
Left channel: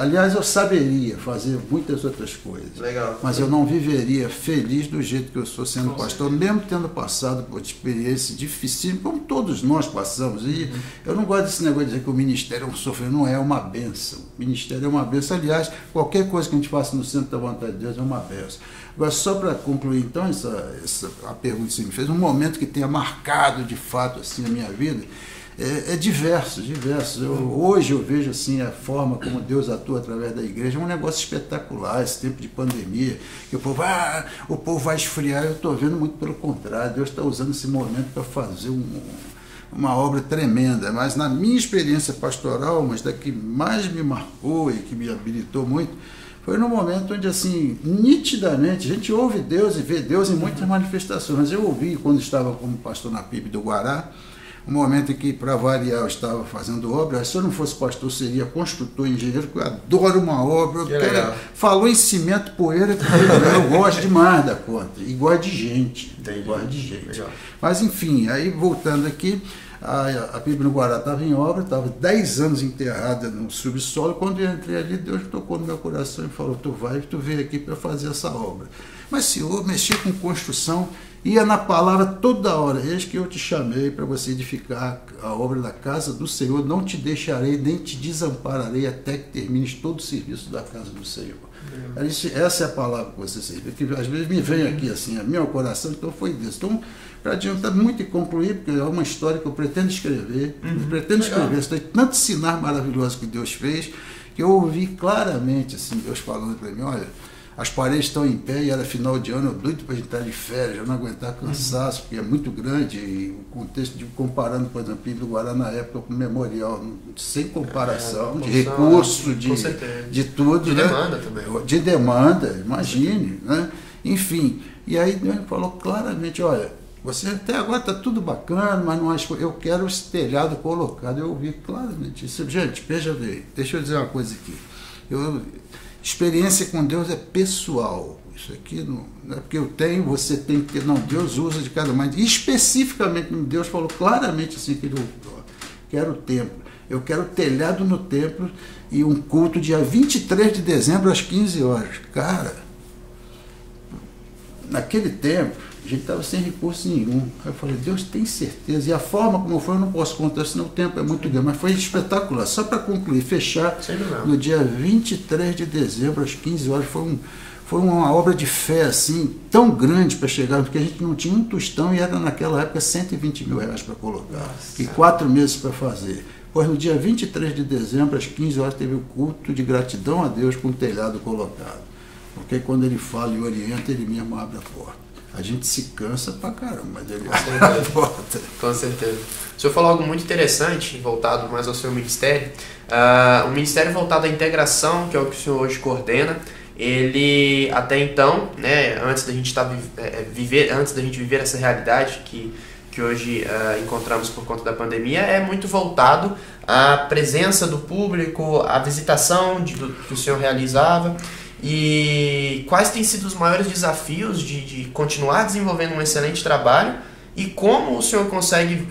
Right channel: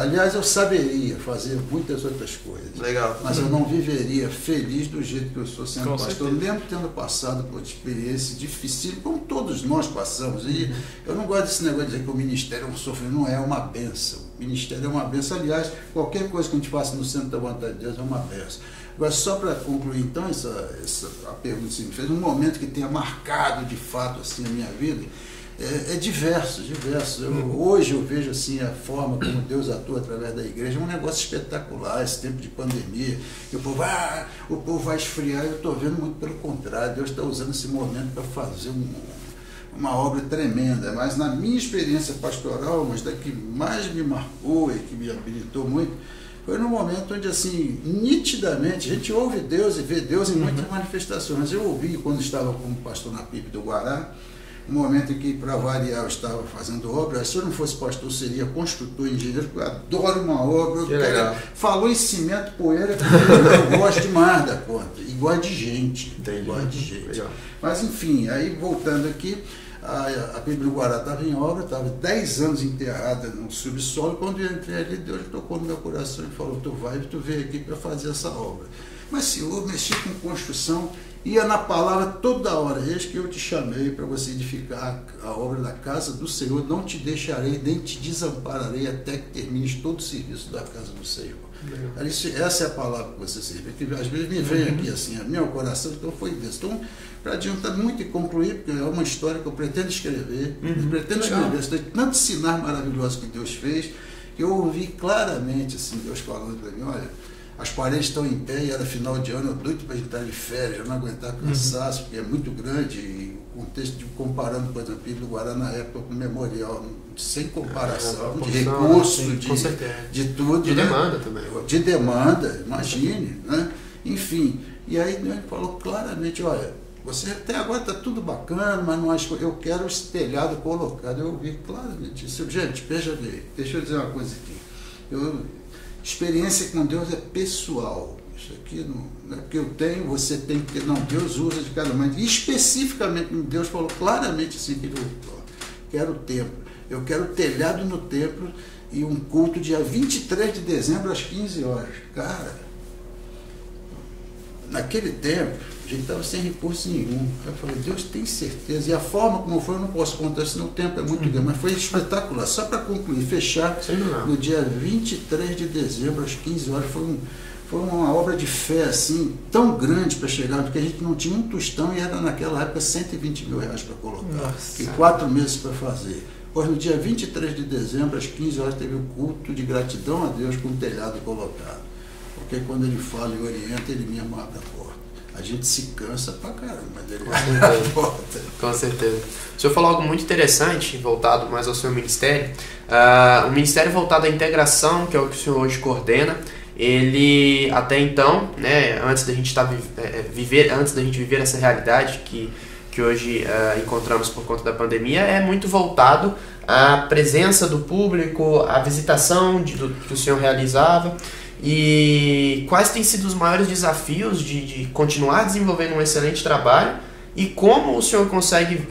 Aliás, eu saberia fazer muitas outras coisas. Legal. Mas eu não viveria feliz do jeito que eu estou sendo pastor, mesmo tendo passado por experiência difícil, como todos nós passamos. E eu não gosto desse negócio de dizer que o ministério é um sofrimento, não é uma bênção. O ministério é uma bênção. Aliás, qualquer coisa que a gente faça no centro da vontade de Deus é uma bênção. Agora, só para concluir, então, a pergunta que você me fez, um momento que tenha marcado de fato assim, a minha vida, é diversos. Hoje eu vejo assim a forma como Deus atua através da igreja, é um negócio espetacular, esse tempo de pandemia, que o povo vai esfriar. Eu estou vendo muito pelo contrário, Deus está usando esse momento para fazer uma obra tremenda. Mas na minha experiência pastoral, mas da que mais me marcou e que me habilitou muito, foi no momento onde, assim, nitidamente, a gente ouve Deus e vê Deus em muitas manifestações. Eu ouvi, quando estava como pastor na PIB do Guará, um momento em que, para variar, eu estava fazendo obra. Se eu não fosse pastor, seria construtor, engenheiro, porque eu adoro uma obra. Falou em cimento, poeira, eu gosto demais da conta. E gosto de gente. Legal. Mas, enfim, aí voltando aqui, a Bíblia do Guará estava em obra, estava 10 anos enterrada no subsolo. Quando eu entrei ali, Deus tocou no meu coração e falou: tu veio aqui para fazer essa obra. Mas, Senhor, mexer com construção, ia na palavra toda hora: eis que eu te chamei para você edificar a obra da casa do Senhor, não te deixarei nem te desampararei até que termines todo o serviço da casa do Senhor. Essa é a palavra que você serve, que às vezes me vem aqui assim, a meu coração. Então foi Deus. Então, para adiantar muito e concluir, porque é uma história que eu pretendo escrever, tem tanto sinal maravilhoso que Deus fez, que eu ouvi claramente assim, Deus falando para mim: olha, as paredes estão em pé e era final de ano, eu doido para entrar de férias, eu não aguentar cansaço, porque é muito grande, e o contexto de comparando, por exemplo, do Guará na época com o memorial, sem comparação, de recurso, de tudo. De demanda também. De demanda, imagine, né? Enfim, e aí Deus me falou claramente: olha, você até agora está tudo bacana, mas não acho, eu quero esse telhado colocado. Eu ouvi claramente isso. Gente, veja bem, deixa eu dizer uma coisa aqui. Experiência com Deus é pessoal. Isso aqui não é porque eu tenho, você tem que ter. Não, Deus usa de cada maneira. Especificamente, Deus falou claramente assim: que quero templo. Eu quero telhado no templo e um culto dia 23 de dezembro às 15 horas. Cara, naquele tempo, a gente estava sem recurso nenhum. Aí eu falei: Deus, tem certeza? E a forma como foi, eu não posso contar, senão o tempo é muito grande. Mas foi espetacular. Só para concluir, fechar, no dia 23 de dezembro, às 15 horas, foi uma obra de fé assim, tão grande para chegar, porque a gente não tinha um tostão e era naquela época 120 mil reais para colocar. Nossa. E 4 meses para fazer. Pois no dia 23 de dezembro, às 15 horas, teve o culto de gratidão a Deus com o telhado colocado. Porque quando ele fala e orienta, ele mesmo abre a porta. A gente se cansa pra caramba, mas ele abre a porta. Com certeza. O senhor falou algo muito interessante, voltado mais ao seu ministério. O ministério voltado à integração, que é o que o senhor hoje coordena, ele até então, né, antes da gente viver essa realidade que hoje encontramos por conta da pandemia, é muito voltado à presença do público, à visitação que o senhor realizava. E quais têm sido os maiores desafios de continuar desenvolvendo um excelente trabalho, e como o senhor consegue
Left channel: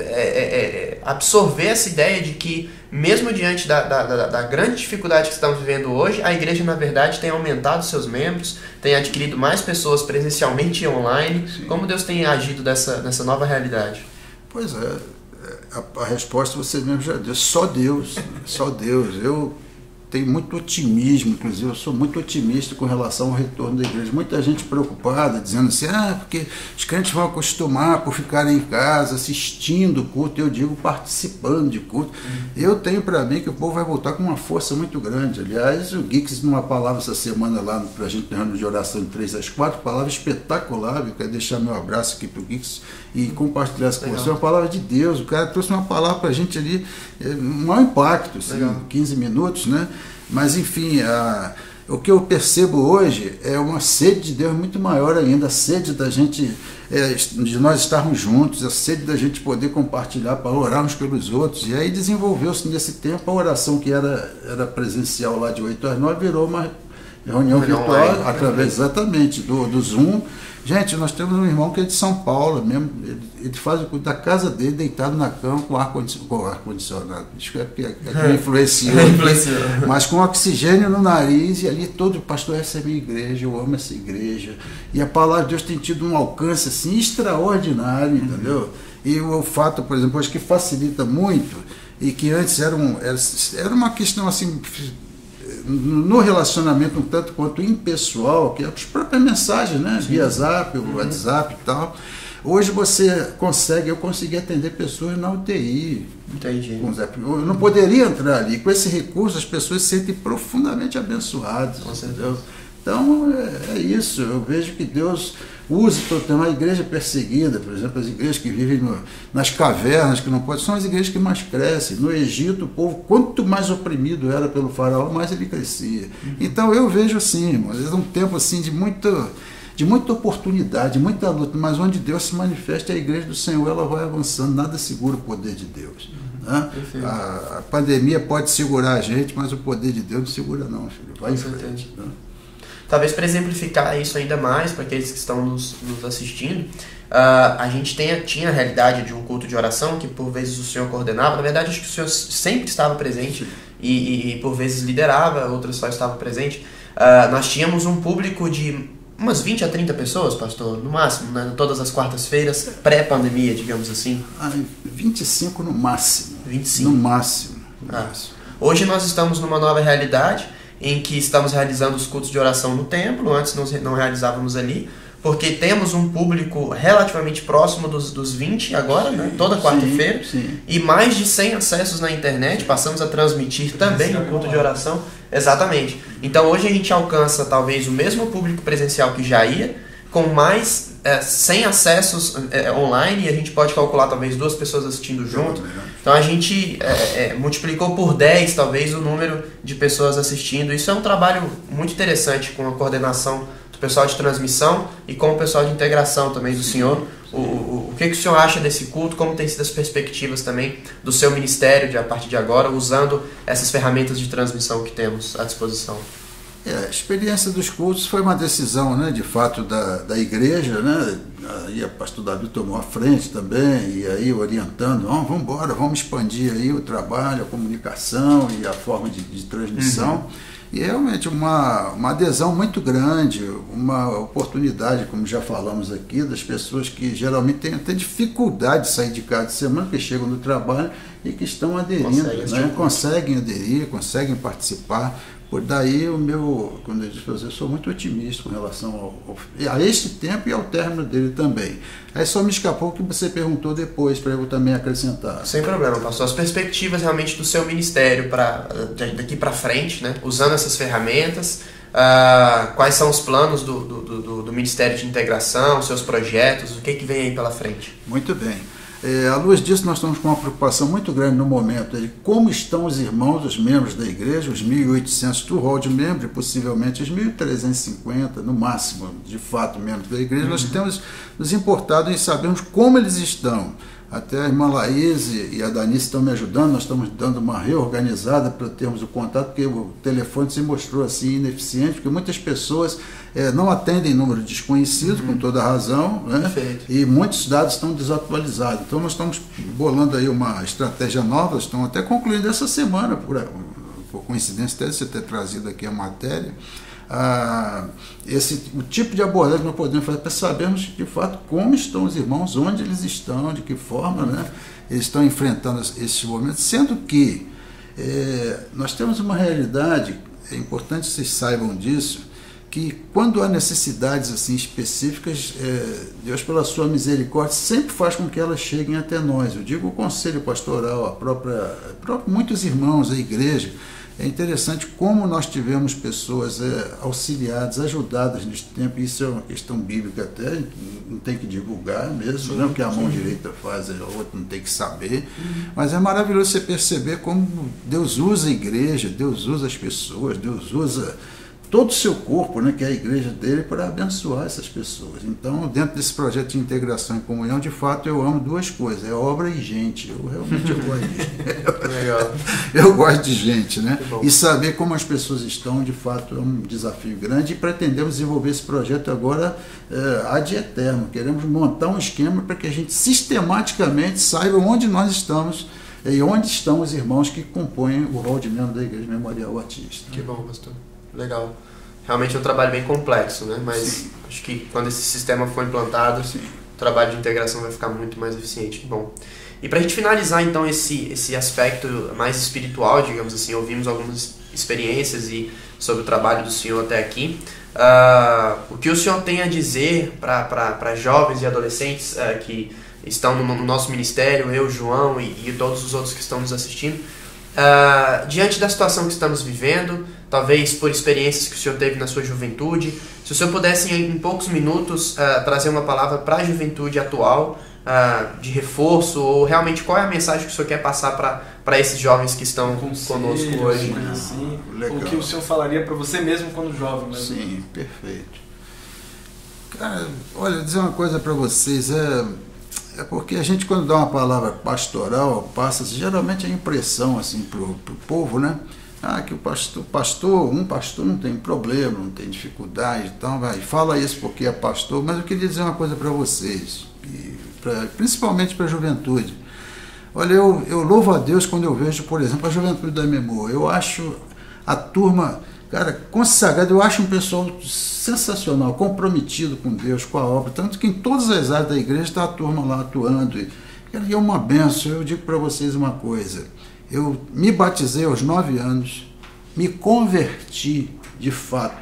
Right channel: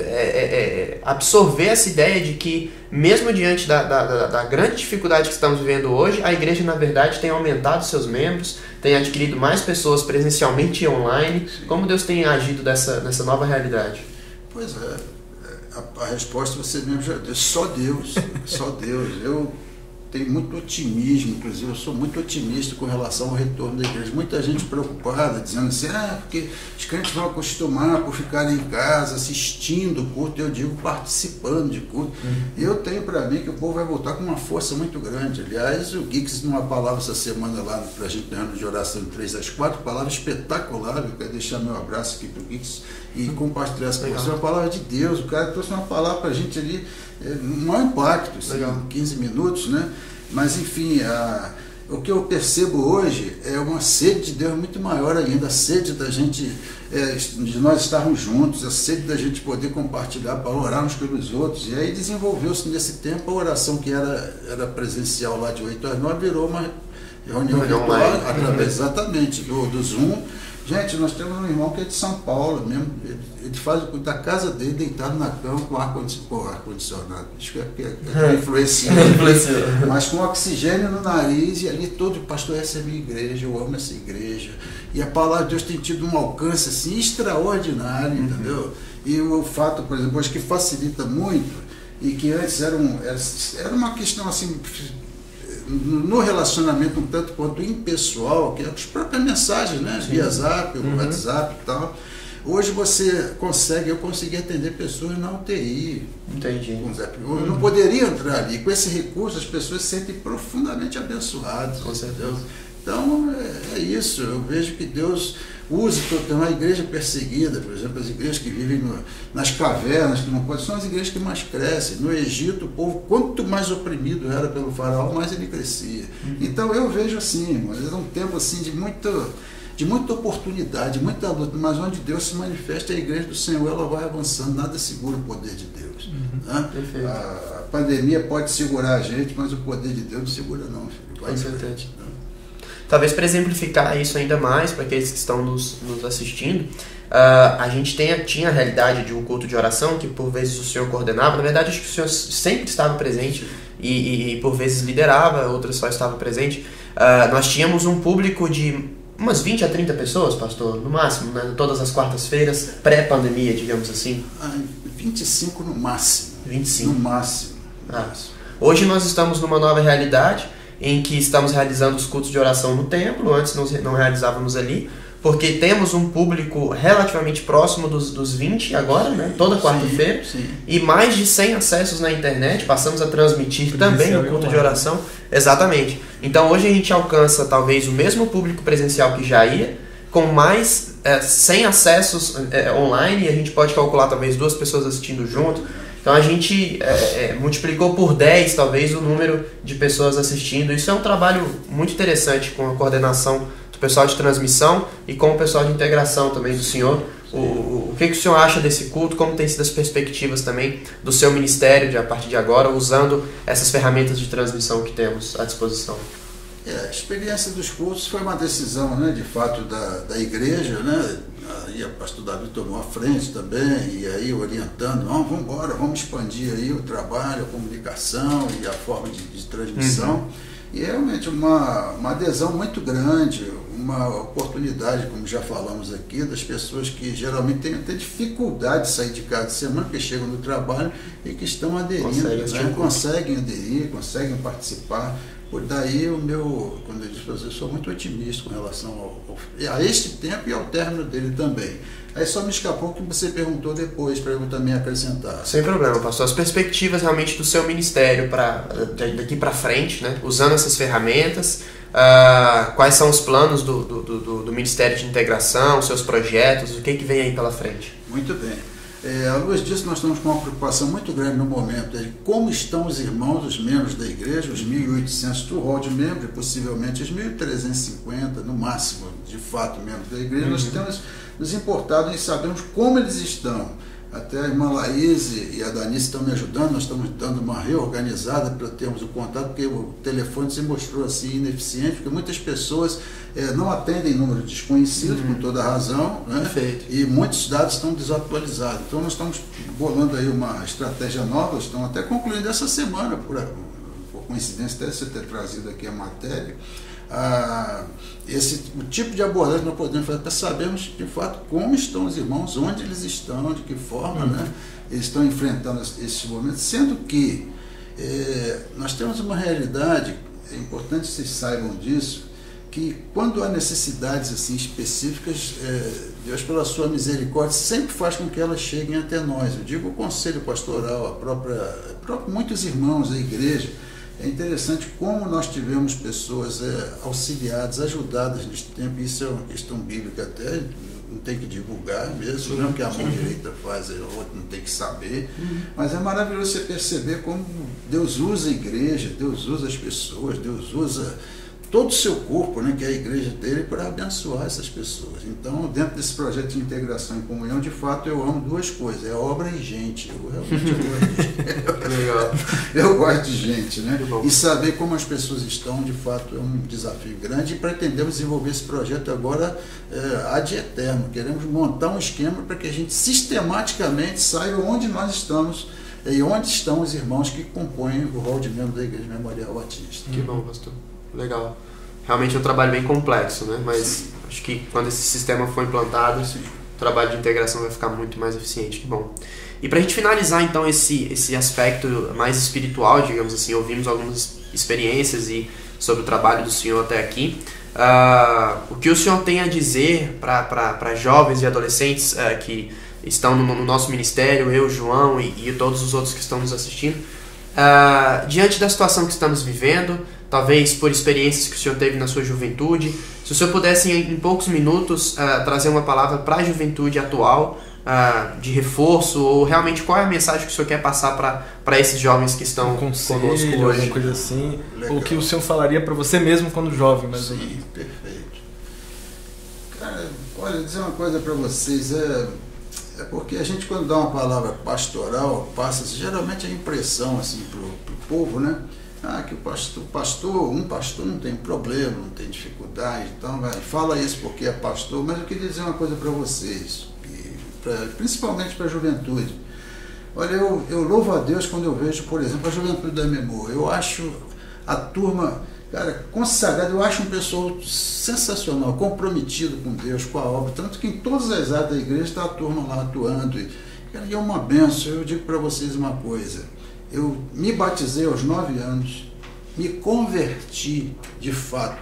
absorver essa ideia de que, mesmo diante da grande dificuldade que estamos vivendo hoje, a igreja, na verdade, tem aumentado seus membros, tem adquirido mais pessoas presencialmente e online. Sim. Como Deus tem agido nessa nova realidade? Pois é, a resposta você mesmo já deu: só Deus, só Deus. Eu tenho muito otimismo, inclusive eu sou muito otimista com relação ao retorno da igreja. Muita gente preocupada, dizendo assim: porque os crentes vão acostumar por ficarem em casa, assistindo o culto. Eu digo, participando de culto. Eu tenho para mim que o povo vai voltar com uma força muito grande. Aliás, o Geeks, numa palavra essa semana lá, para a gente ter de oração de 3 às 4, palavra espetacular. Eu quero deixar meu abraço aqui para o Geeks e compartilhar essa com você. Uma palavra de Deus. O cara trouxe uma palavra para a gente ali, maior impacto, assim, 15 minutos, né? Mas enfim, o que eu percebo hoje é uma sede de Deus muito maior ainda, a sede da gente, de nós estarmos juntos, a sede da gente poder compartilhar para orar uns pelos outros. E aí desenvolveu-se nesse tempo a oração que era presencial lá de 8 às 9, virou uma reunião virtual, através exatamente do Zoom. Gente, nós temos um irmão que é de São Paulo mesmo, ele faz da casa dele deitado na cama com ar-condicionado. Isso é porque é influenciou, mas com oxigênio no nariz, e ali todo pastor, essa é a minha igreja, eu amo essa igreja. E a palavra de Deus tem tido um alcance assim extraordinário, entendeu? E o fato, por exemplo, acho que facilita muito, e que antes era uma questão assim, no relacionamento um tanto quanto impessoal, que é as próprias mensagens, né? Via Zap, WhatsApp e tal. Hoje eu consegui atender pessoas na UTI. Entendi. Eu não poderia entrar ali. Com esse recurso, as pessoas se sentem profundamente abençoadas. Com certeza. Então, é isso. Eu vejo que Deus usa. Tem uma igreja perseguida, por exemplo, as igrejas que vivem nas cavernas, que não podem, são as igrejas que mais crescem. No Egito, o povo, quanto mais oprimido era pelo faraó, mais ele crescia. Então, eu vejo assim, é um tempo assim, de muita oportunidade, de muita luta, mas onde Deus se manifesta, a igreja do Senhor, ela vai avançando, nada segura o poder de Deus. Né? A pandemia pode segurar a gente, mas o poder de Deus não segura não, filho. Vai. Com certeza. Talvez para exemplificar isso ainda mais, para aqueles que estão nos assistindo, a gente tinha a realidade de um culto de oração que por vezes o senhor coordenava. Na verdade, acho que o senhor sempre estava presente e por vezes liderava, outras só estavam presentes. Nós tínhamos um público de umas 20 a 30 pessoas, pastor, no máximo, né? Todas as quartas-feiras, pré-pandemia, digamos assim. 25 no máximo. 25. No máximo. Hoje nós estamos numa nova realidade, em que estamos realizando os cultos de oração no templo. Antes não realizávamos ali, porque temos um público relativamente próximo dos 20 agora, né? Toda quarta-feira, e mais de 100 acessos na internet. Passamos a transmitir também o culto de oração. Exatamente. Então hoje a gente alcança talvez o mesmo público presencial que já ia, com mais 100 acessos online, e a gente pode calcular talvez 2 pessoas assistindo junto. Então a gente multiplicou por 10 talvez o número de pessoas assistindo. Isso é um trabalho muito interessante, com a coordenação do pessoal de transmissão e com o pessoal de integração também do senhor. O que o senhor acha desse culto? Como tem sido as perspectivas também do seu ministério a partir de agora, usando essas ferramentas de transmissão que temos à disposição? A experiência dos cultos foi uma decisão, né, de fato, da igreja, né? Aí o pastor Davi tomou a frente também, e aí orientando, vamos embora, vamos expandir aí o trabalho, a comunicação e a forma de transmissão. E realmente uma adesão muito grande, uma oportunidade, como já falamos aqui, das pessoas que geralmente têm até dificuldade de sair de casa de semana, que chegam no trabalho e que estão aderindo, conseguem aderir, conseguem participar. Por daí quando eu disse, eu sou muito otimista com relação a este tempo e ao término dele também. Aí só me escapou o que você perguntou depois, para eu também acrescentar. Sem problema, pastor. As perspectivas realmente do seu ministério daqui para frente, né? Usando essas ferramentas, quais são os planos do Ministério de Integração, seus projetos, o que vem aí pela frente? Muito bem. À luz disso, nós estamos com uma preocupação muito grande no momento de como estão os irmãos, os membros da igreja, os 1.800 do hall de membros, e possivelmente os 1.350, no máximo, de fato, membros da igreja. Nós temos nos importado em sabermos como eles estão. Até a irmã Laís e a Danice estão me ajudando, nós estamos dando uma reorganizada para termos o contato, porque o telefone se mostrou assim ineficiente, porque muitas pessoas não atendem número desconhecido, com toda a razão, né? E muitos dados estão desatualizados. Então nós estamos bolando aí uma estratégia nova, estamos até concluindo essa semana, por coincidência até você ter trazido aqui a matéria, o tipo de abordagem que nós podemos fazer para sabermos de fato como estão os irmãos, onde eles estão, de que forma, né, eles estão enfrentando esses momentos, sendo que nós temos uma realidade, é importante que vocês saibam disso, que quando há necessidades assim específicas, Deus pela sua misericórdia sempre faz com que elas cheguem até nós. Eu digo o conselho pastoral, muitos irmãos da igreja. É interessante como nós tivemos pessoas auxiliadas, ajudadas neste tempo. Isso é uma questão bíblica até, não tem que divulgar mesmo, não que a mão direita faz, a outra não tem que saber. Mas é maravilhoso você perceber como Deus usa a igreja, Deus usa as pessoas, Deus usa todo o seu corpo, né, que é a igreja dele, para abençoar essas pessoas. Então, dentro desse projeto de integração e comunhão, de fato, eu amo duas coisas, é obra e gente. Eu realmente gosto de gente. Legal. Eu gosto de gente, né? E saber como as pessoas estão, de fato, é um desafio grande, e pretendemos desenvolver esse projeto agora ad eterno. Queremos montar um esquema para que a gente sistematicamente saiba onde nós estamos e onde estão os irmãos que compõem o rol de membro da Igreja Memorial Batista. Que bom, pastor. Legal. Realmente é um trabalho bem complexo, né? Mas sim, acho que quando esse sistema for implantado, sim, o trabalho de integração vai ficar muito mais eficiente. Que bom. E para a gente finalizar, então, esse aspecto mais espiritual, digamos assim, ouvimos algumas experiências sobre o trabalho do senhor até aqui. O que o senhor tem a dizer para jovens e adolescentes que estão no nosso ministério, eu, João e todos os outros que estão nos assistindo, diante da situação que estamos vivendo, talvez por experiências que o senhor teve na sua juventude, se o senhor pudesse em poucos minutos trazer uma palavra para a juventude atual, de reforço, ou realmente qual é a mensagem que o senhor quer passar para esses jovens que estão conosco hoje? Coisa assim, ou que o senhor falaria para você mesmo quando jovem? Né? Sim, perfeito. Cara, olha, vou dizer uma coisa para vocês, é porque a gente, quando dá uma palavra pastoral, passa geralmente a impressão assim pro povo, né? Que o pastor não tem problema, não tem dificuldade, então fala isso porque é pastor. Mas eu queria dizer uma coisa para vocês, principalmente para a juventude. Olha, eu louvo a Deus quando eu vejo, por exemplo, a juventude da Memor. Eu acho a turma, cara, consagrada, eu acho um pessoal sensacional, comprometido com Deus, com a obra, tanto que em todas as áreas da igreja está a turma lá atuando. E é uma benção. Eu digo para vocês uma coisa, eu me batizei aos 9 anos, me converti de fato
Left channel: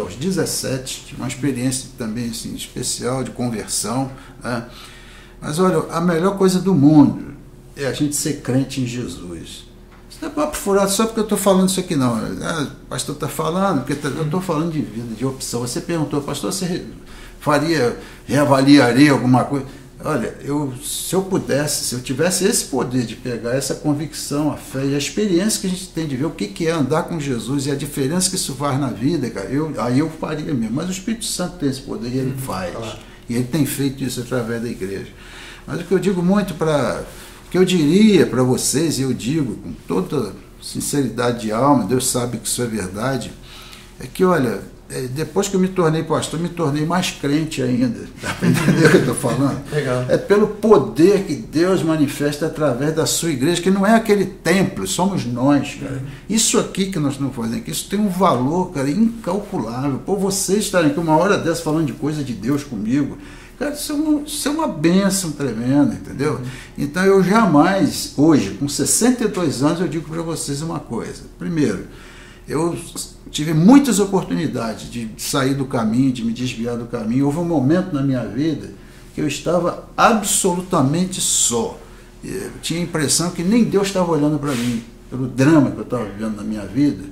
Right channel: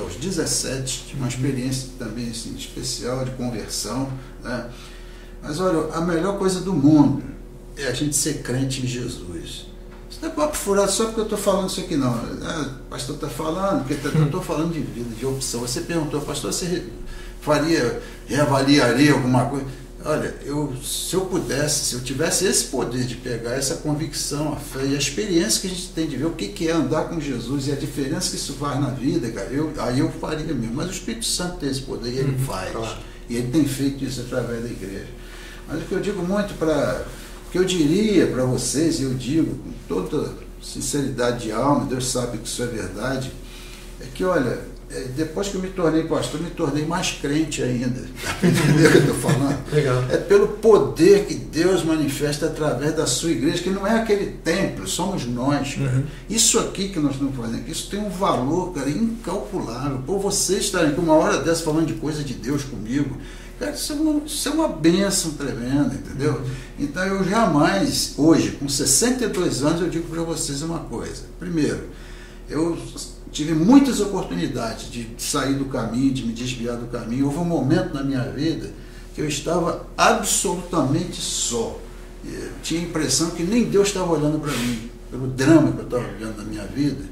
aos 17, tive uma experiência também assim, especial de conversão, né? Mas olha, a melhor coisa do mundo é a gente ser crente em Jesus. Isso não é papo furado só porque eu estou falando isso aqui, não. O pastor está falando, porque eu estou falando de vida, de opção. Você perguntou, pastor, você reavaliaria alguma coisa? Olha, se eu pudesse, se eu tivesse esse poder de pegar essa convicção, a fé e a experiência que a gente tem de ver o que é andar com Jesus e a diferença que isso faz na vida, cara, aí eu faria mesmo. Mas o Espírito Santo tem esse poder e ele faz. Claro. E ele tem feito isso através da igreja. Mas o que eu digo muito o que eu diria para vocês, e eu digo com toda sinceridade de alma, Deus sabe que isso é verdade, é que, olha, depois que eu me tornei pastor, me tornei mais crente ainda. Tá entendendo o que eu estou falando? Legal. É pelo poder que Deus manifesta através da sua igreja, que não é aquele templo, somos nós, cara. Isso aqui que nós estamos fazendo aqui, isso tem um valor, cara, incalculável. Por vocês estarem aqui uma hora dessa falando de coisa de Deus comigo, cara, isso é uma bênção tremenda, entendeu? Então eu jamais, hoje, com 62 anos, eu digo para vocês uma coisa. Primeiro, eu tive muitas oportunidades de sair do caminho, de me desviar do caminho. Houve um momento na minha vida que eu estava absolutamente só. Eu tinha a impressão que nem Deus estava olhando para mim, pelo drama que eu estava vivendo na minha vida.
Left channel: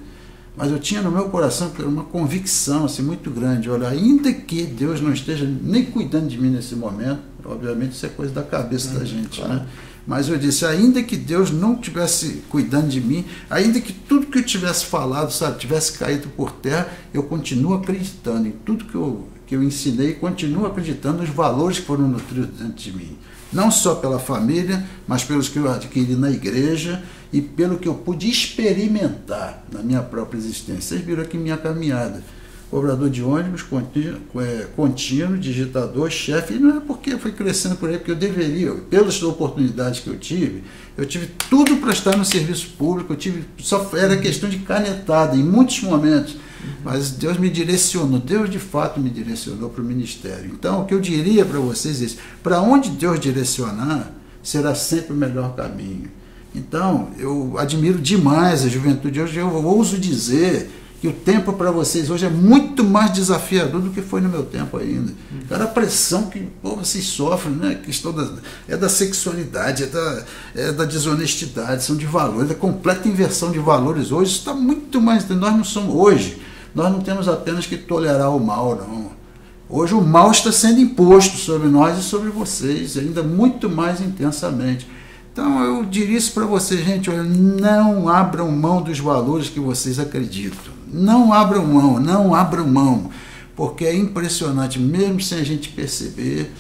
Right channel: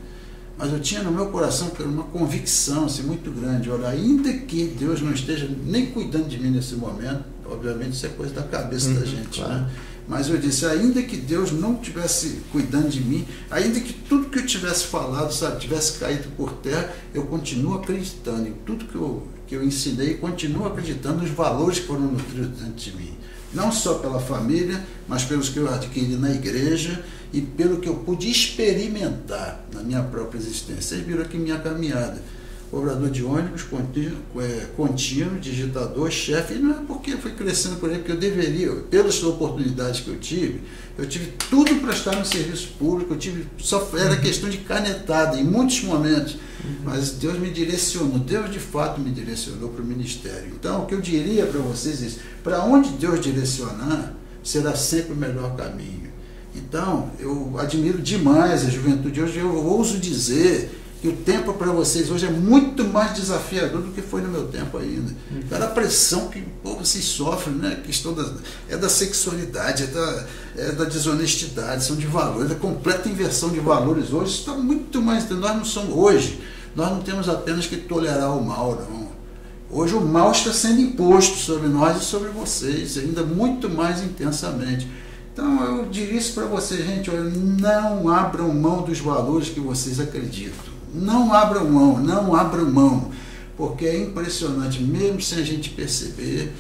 Mas eu tinha no meu coração uma convicção assim, muito grande. Olha, ainda que Deus não esteja nem cuidando de mim nesse momento, obviamente isso é coisa da cabeça da gente, claro, né? Mas eu disse, ainda que Deus não estivesse cuidando de mim, ainda que tudo que eu tivesse falado, sabe, tivesse caído por terra, eu continuo acreditando em tudo que eu ensinei, continuo acreditando nos valores que foram nutridos dentro de mim. Não só pela família, mas pelos que eu adquiri na igreja e pelo que eu pude experimentar na minha própria existência. Vocês viram aqui minha caminhada. Cobrador de ônibus, contínuo, digitador, chefe, e não é porque eu fui crescendo por aí, porque eu deveria, pelas oportunidades que eu tive tudo para estar no serviço público, só era questão de canetada em muitos momentos, mas Deus me direcionou, Deus de fato me direcionou para o ministério. Então, o que eu diria para vocês é isso, para onde Deus direcionar, será sempre o melhor caminho. Então, eu admiro demais a juventude hoje, eu ouso dizer que o tempo para vocês hoje é muito mais desafiador do que foi no meu tempo ainda. Cara, a pressão que vocês sofrem, né? A questão da sexualidade, é da desonestidade, são de valores, da completa inversão de valores hoje. Isso está muito mais. Nós não temos apenas que tolerar o mal, não. Hoje o mal está sendo imposto sobre nós e sobre vocês, ainda muito mais intensamente. Então eu diria isso para vocês, gente, olha, não abram mão dos valores que vocês acreditam. Não abram mão, não abram mão, porque é impressionante, mesmo sem a gente perceber,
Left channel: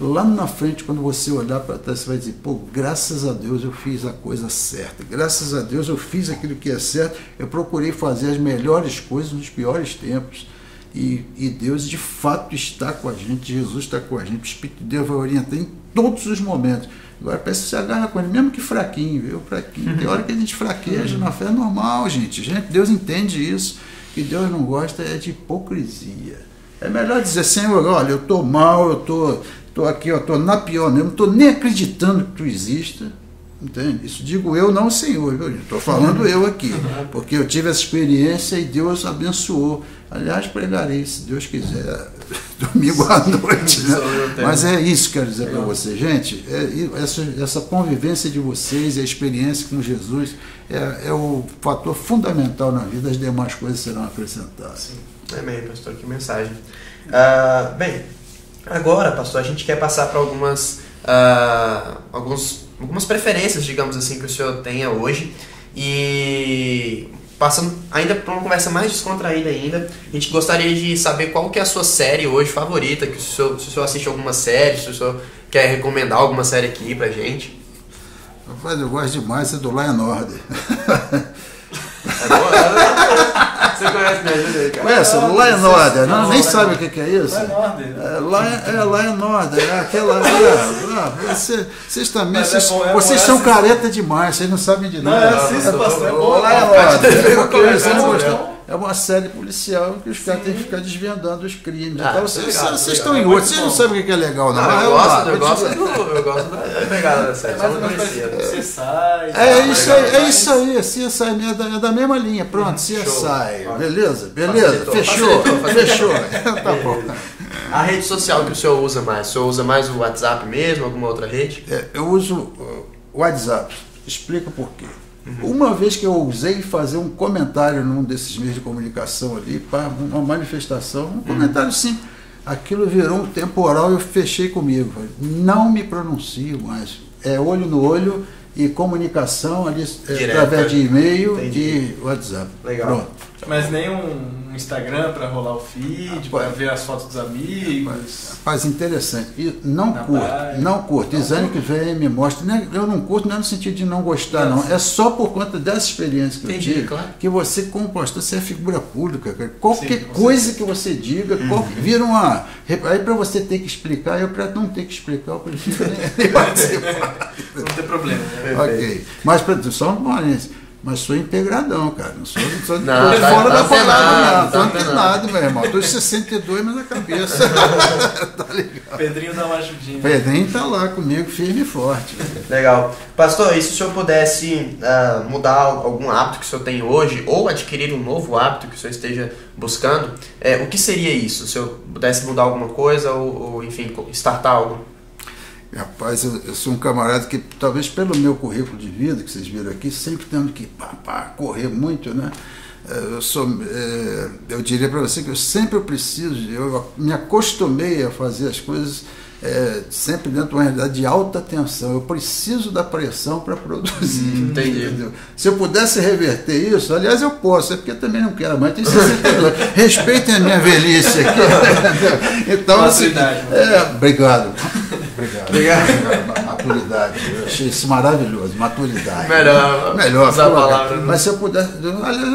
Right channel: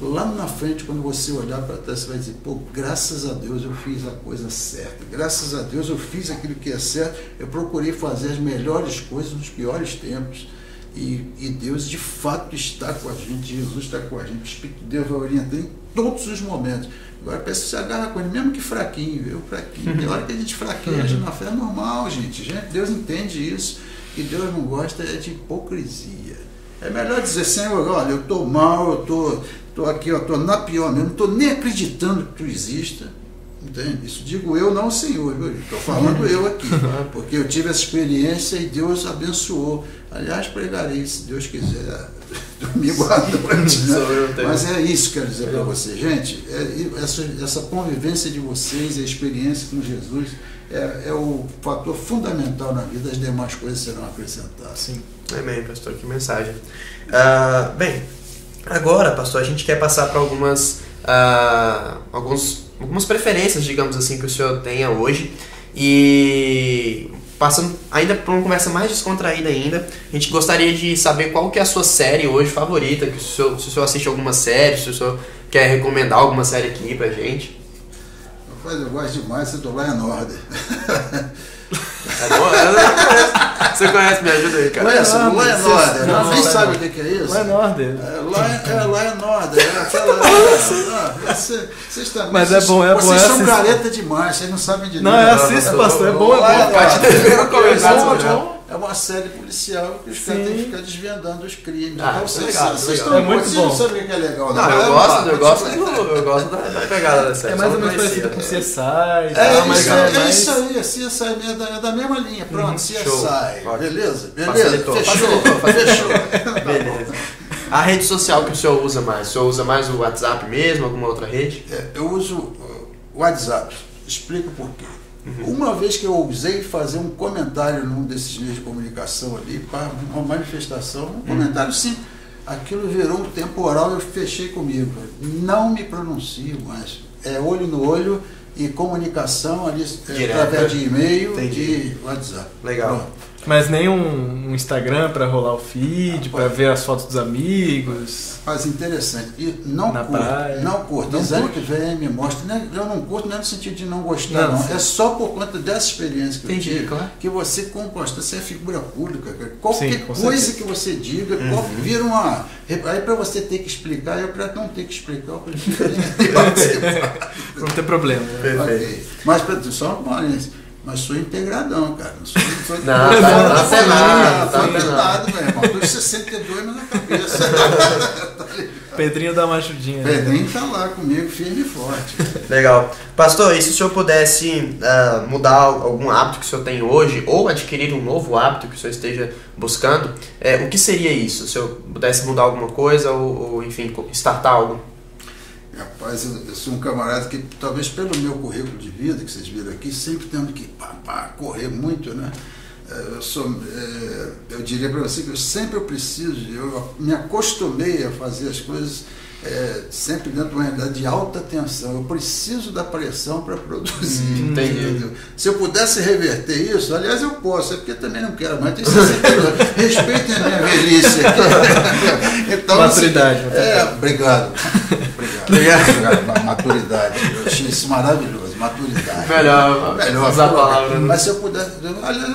lá na frente, quando você olhar para trás, você vai dizer, pô, graças a Deus eu fiz a coisa certa, graças a Deus eu fiz aquilo que é certo, eu procurei fazer as melhores coisas nos piores tempos. E Deus de fato está com a gente, Jesus está com a gente, o Espírito de Deus vai orientar em todos os momentos. Agora parece que você agarra com ele, mesmo que fraquinho, viu? Fraquinho. Tem hora que a gente fraqueja na fé, é normal, gente. Deus entende isso. O que Deus não gosta é de hipocrisia. É melhor dizer, Senhor, olha, eu estou mal, eu estou aqui, eu estou na pior mesmo, não estou nem acreditando que tu exista. Entende? Isso digo eu, não o Senhor, viu? Estou falando eu aqui, porque eu tive essa experiência e Deus abençoou. Aliás, pregarei, se Deus quiser, domingo à noite. Né? Mas é isso que eu quero dizer para você, gente. Essa convivência de vocês, a experiência com Jesus, é o fator fundamental na vida, as demais coisas serão acrescentadas. Sim. Amém, pastor, que mensagem. Bem, agora, pastor, a gente quer passar para algumas preferências, digamos assim, que o senhor tenha hoje. E passando ainda por uma conversa mais descontraída ainda, a gente gostaria de saber qual que é a sua série hoje favorita, que se o senhor assiste alguma série, se o senhor quer recomendar alguma série aqui pra gente. Rapaz, eu gosto demais do Law and Order. É bom? Você conhece, me ajuda aí, cara. Conhece? O Law and Order, não, nem sabe o que é isso? Law and Order. Law and Order, é aquela... Vocês também... Mas é bom, vocês são careta demais, vocês não sabem de nada. Não, assista, pastor, é bom. É uma série policial que os caras têm que ficar desvendando os crimes. Então, vocês não sabem o que é legal. Eu gosto da pegada da série. É mais ou menos parecido com CSI. É isso aí, CSI é da mesma linha. Pronto, CSI. Beleza? Fechou. Tá bom. A rede social que o senhor usa mais? O senhor usa mais o WhatsApp mesmo, alguma outra rede? Eu uso o WhatsApp. Explico por quê. Uma vez que eu ousei fazer um comentário num desses meios de comunicação ali, para uma manifestação, um comentário sim, aquilo virou um temporal e eu fechei comigo. Não me pronuncio mais. É olho no olho e comunicação ali através de e-mail e de WhatsApp. Legal. Pronto. Mas nem um Instagram para rolar o feed, para ver as fotos dos amigos. Mas interessante. E não curto. Exame que vem me mostra. Eu não curto, não é no sentido de não gostar, não. É só por conta dessa experiência que eu tive. Claro. Que você, como pastor, você é figura pública. Cara. Qualquer coisa que você diga, vira uma. Aí para você ter que explicar, eu para não ter que explicar, eu prefiro não ter problema. Né? Ok. Mas só uma parência. Mas sou integradão, cara. Não sou não, tá penado, meu irmão. Tô de 62, mas na cabeça. Tá Pedrinho dá uma ajudinha. Pedrinho tá lá comigo, firme e forte. Legal. Pastor, e se o senhor pudesse mudar algum hábito que o senhor tem hoje, ou adquirir um novo hábito que o senhor esteja buscando, o que seria isso? Se o senhor pudesse mudar alguma coisa, ou enfim, startar algo? Rapaz, eu sou um camarada que, talvez pelo meu currículo de vida, que vocês viram aqui, sempre tendo que correr muito, né? Eu diria para você que eu sempre preciso, eu me acostumei a fazer as coisas sempre dentro de uma realidade de alta tensão. Eu preciso da pressão para produzir. Entendi. Se eu pudesse reverter isso, aliás, eu posso, é porque eu também não quero mais. Respeitem a minha velhice aqui. Então, maturidade. Obrigado. Maturidade. Eu achei isso maravilhoso. Maturidade. Melhor usar a palavra. Mas se eu pudesse.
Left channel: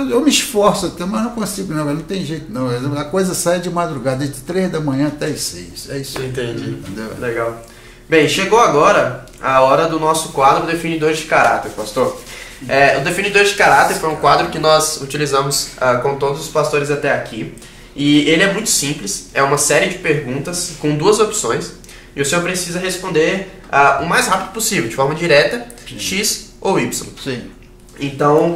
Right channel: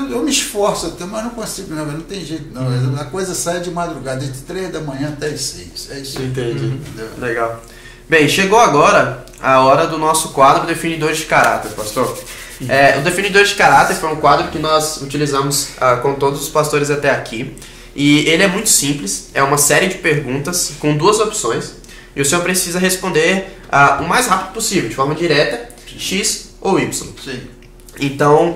Eu me esforço até, mas não consigo, não tem jeito, não. A coisa sai de madrugada, de 3 da manhã até as 6. É isso. Entendi. Legal. Bem, chegou agora a hora do nosso quadro Definidores de Caráter, pastor. O Definidores de Caráter foi um quadro que nós utilizamos com todos os pastores até aqui. E ele é muito simples, é uma série de perguntas com 2 opções. E o senhor precisa responder o mais rápido possível, de forma direta, X ou Y. Sim. Então,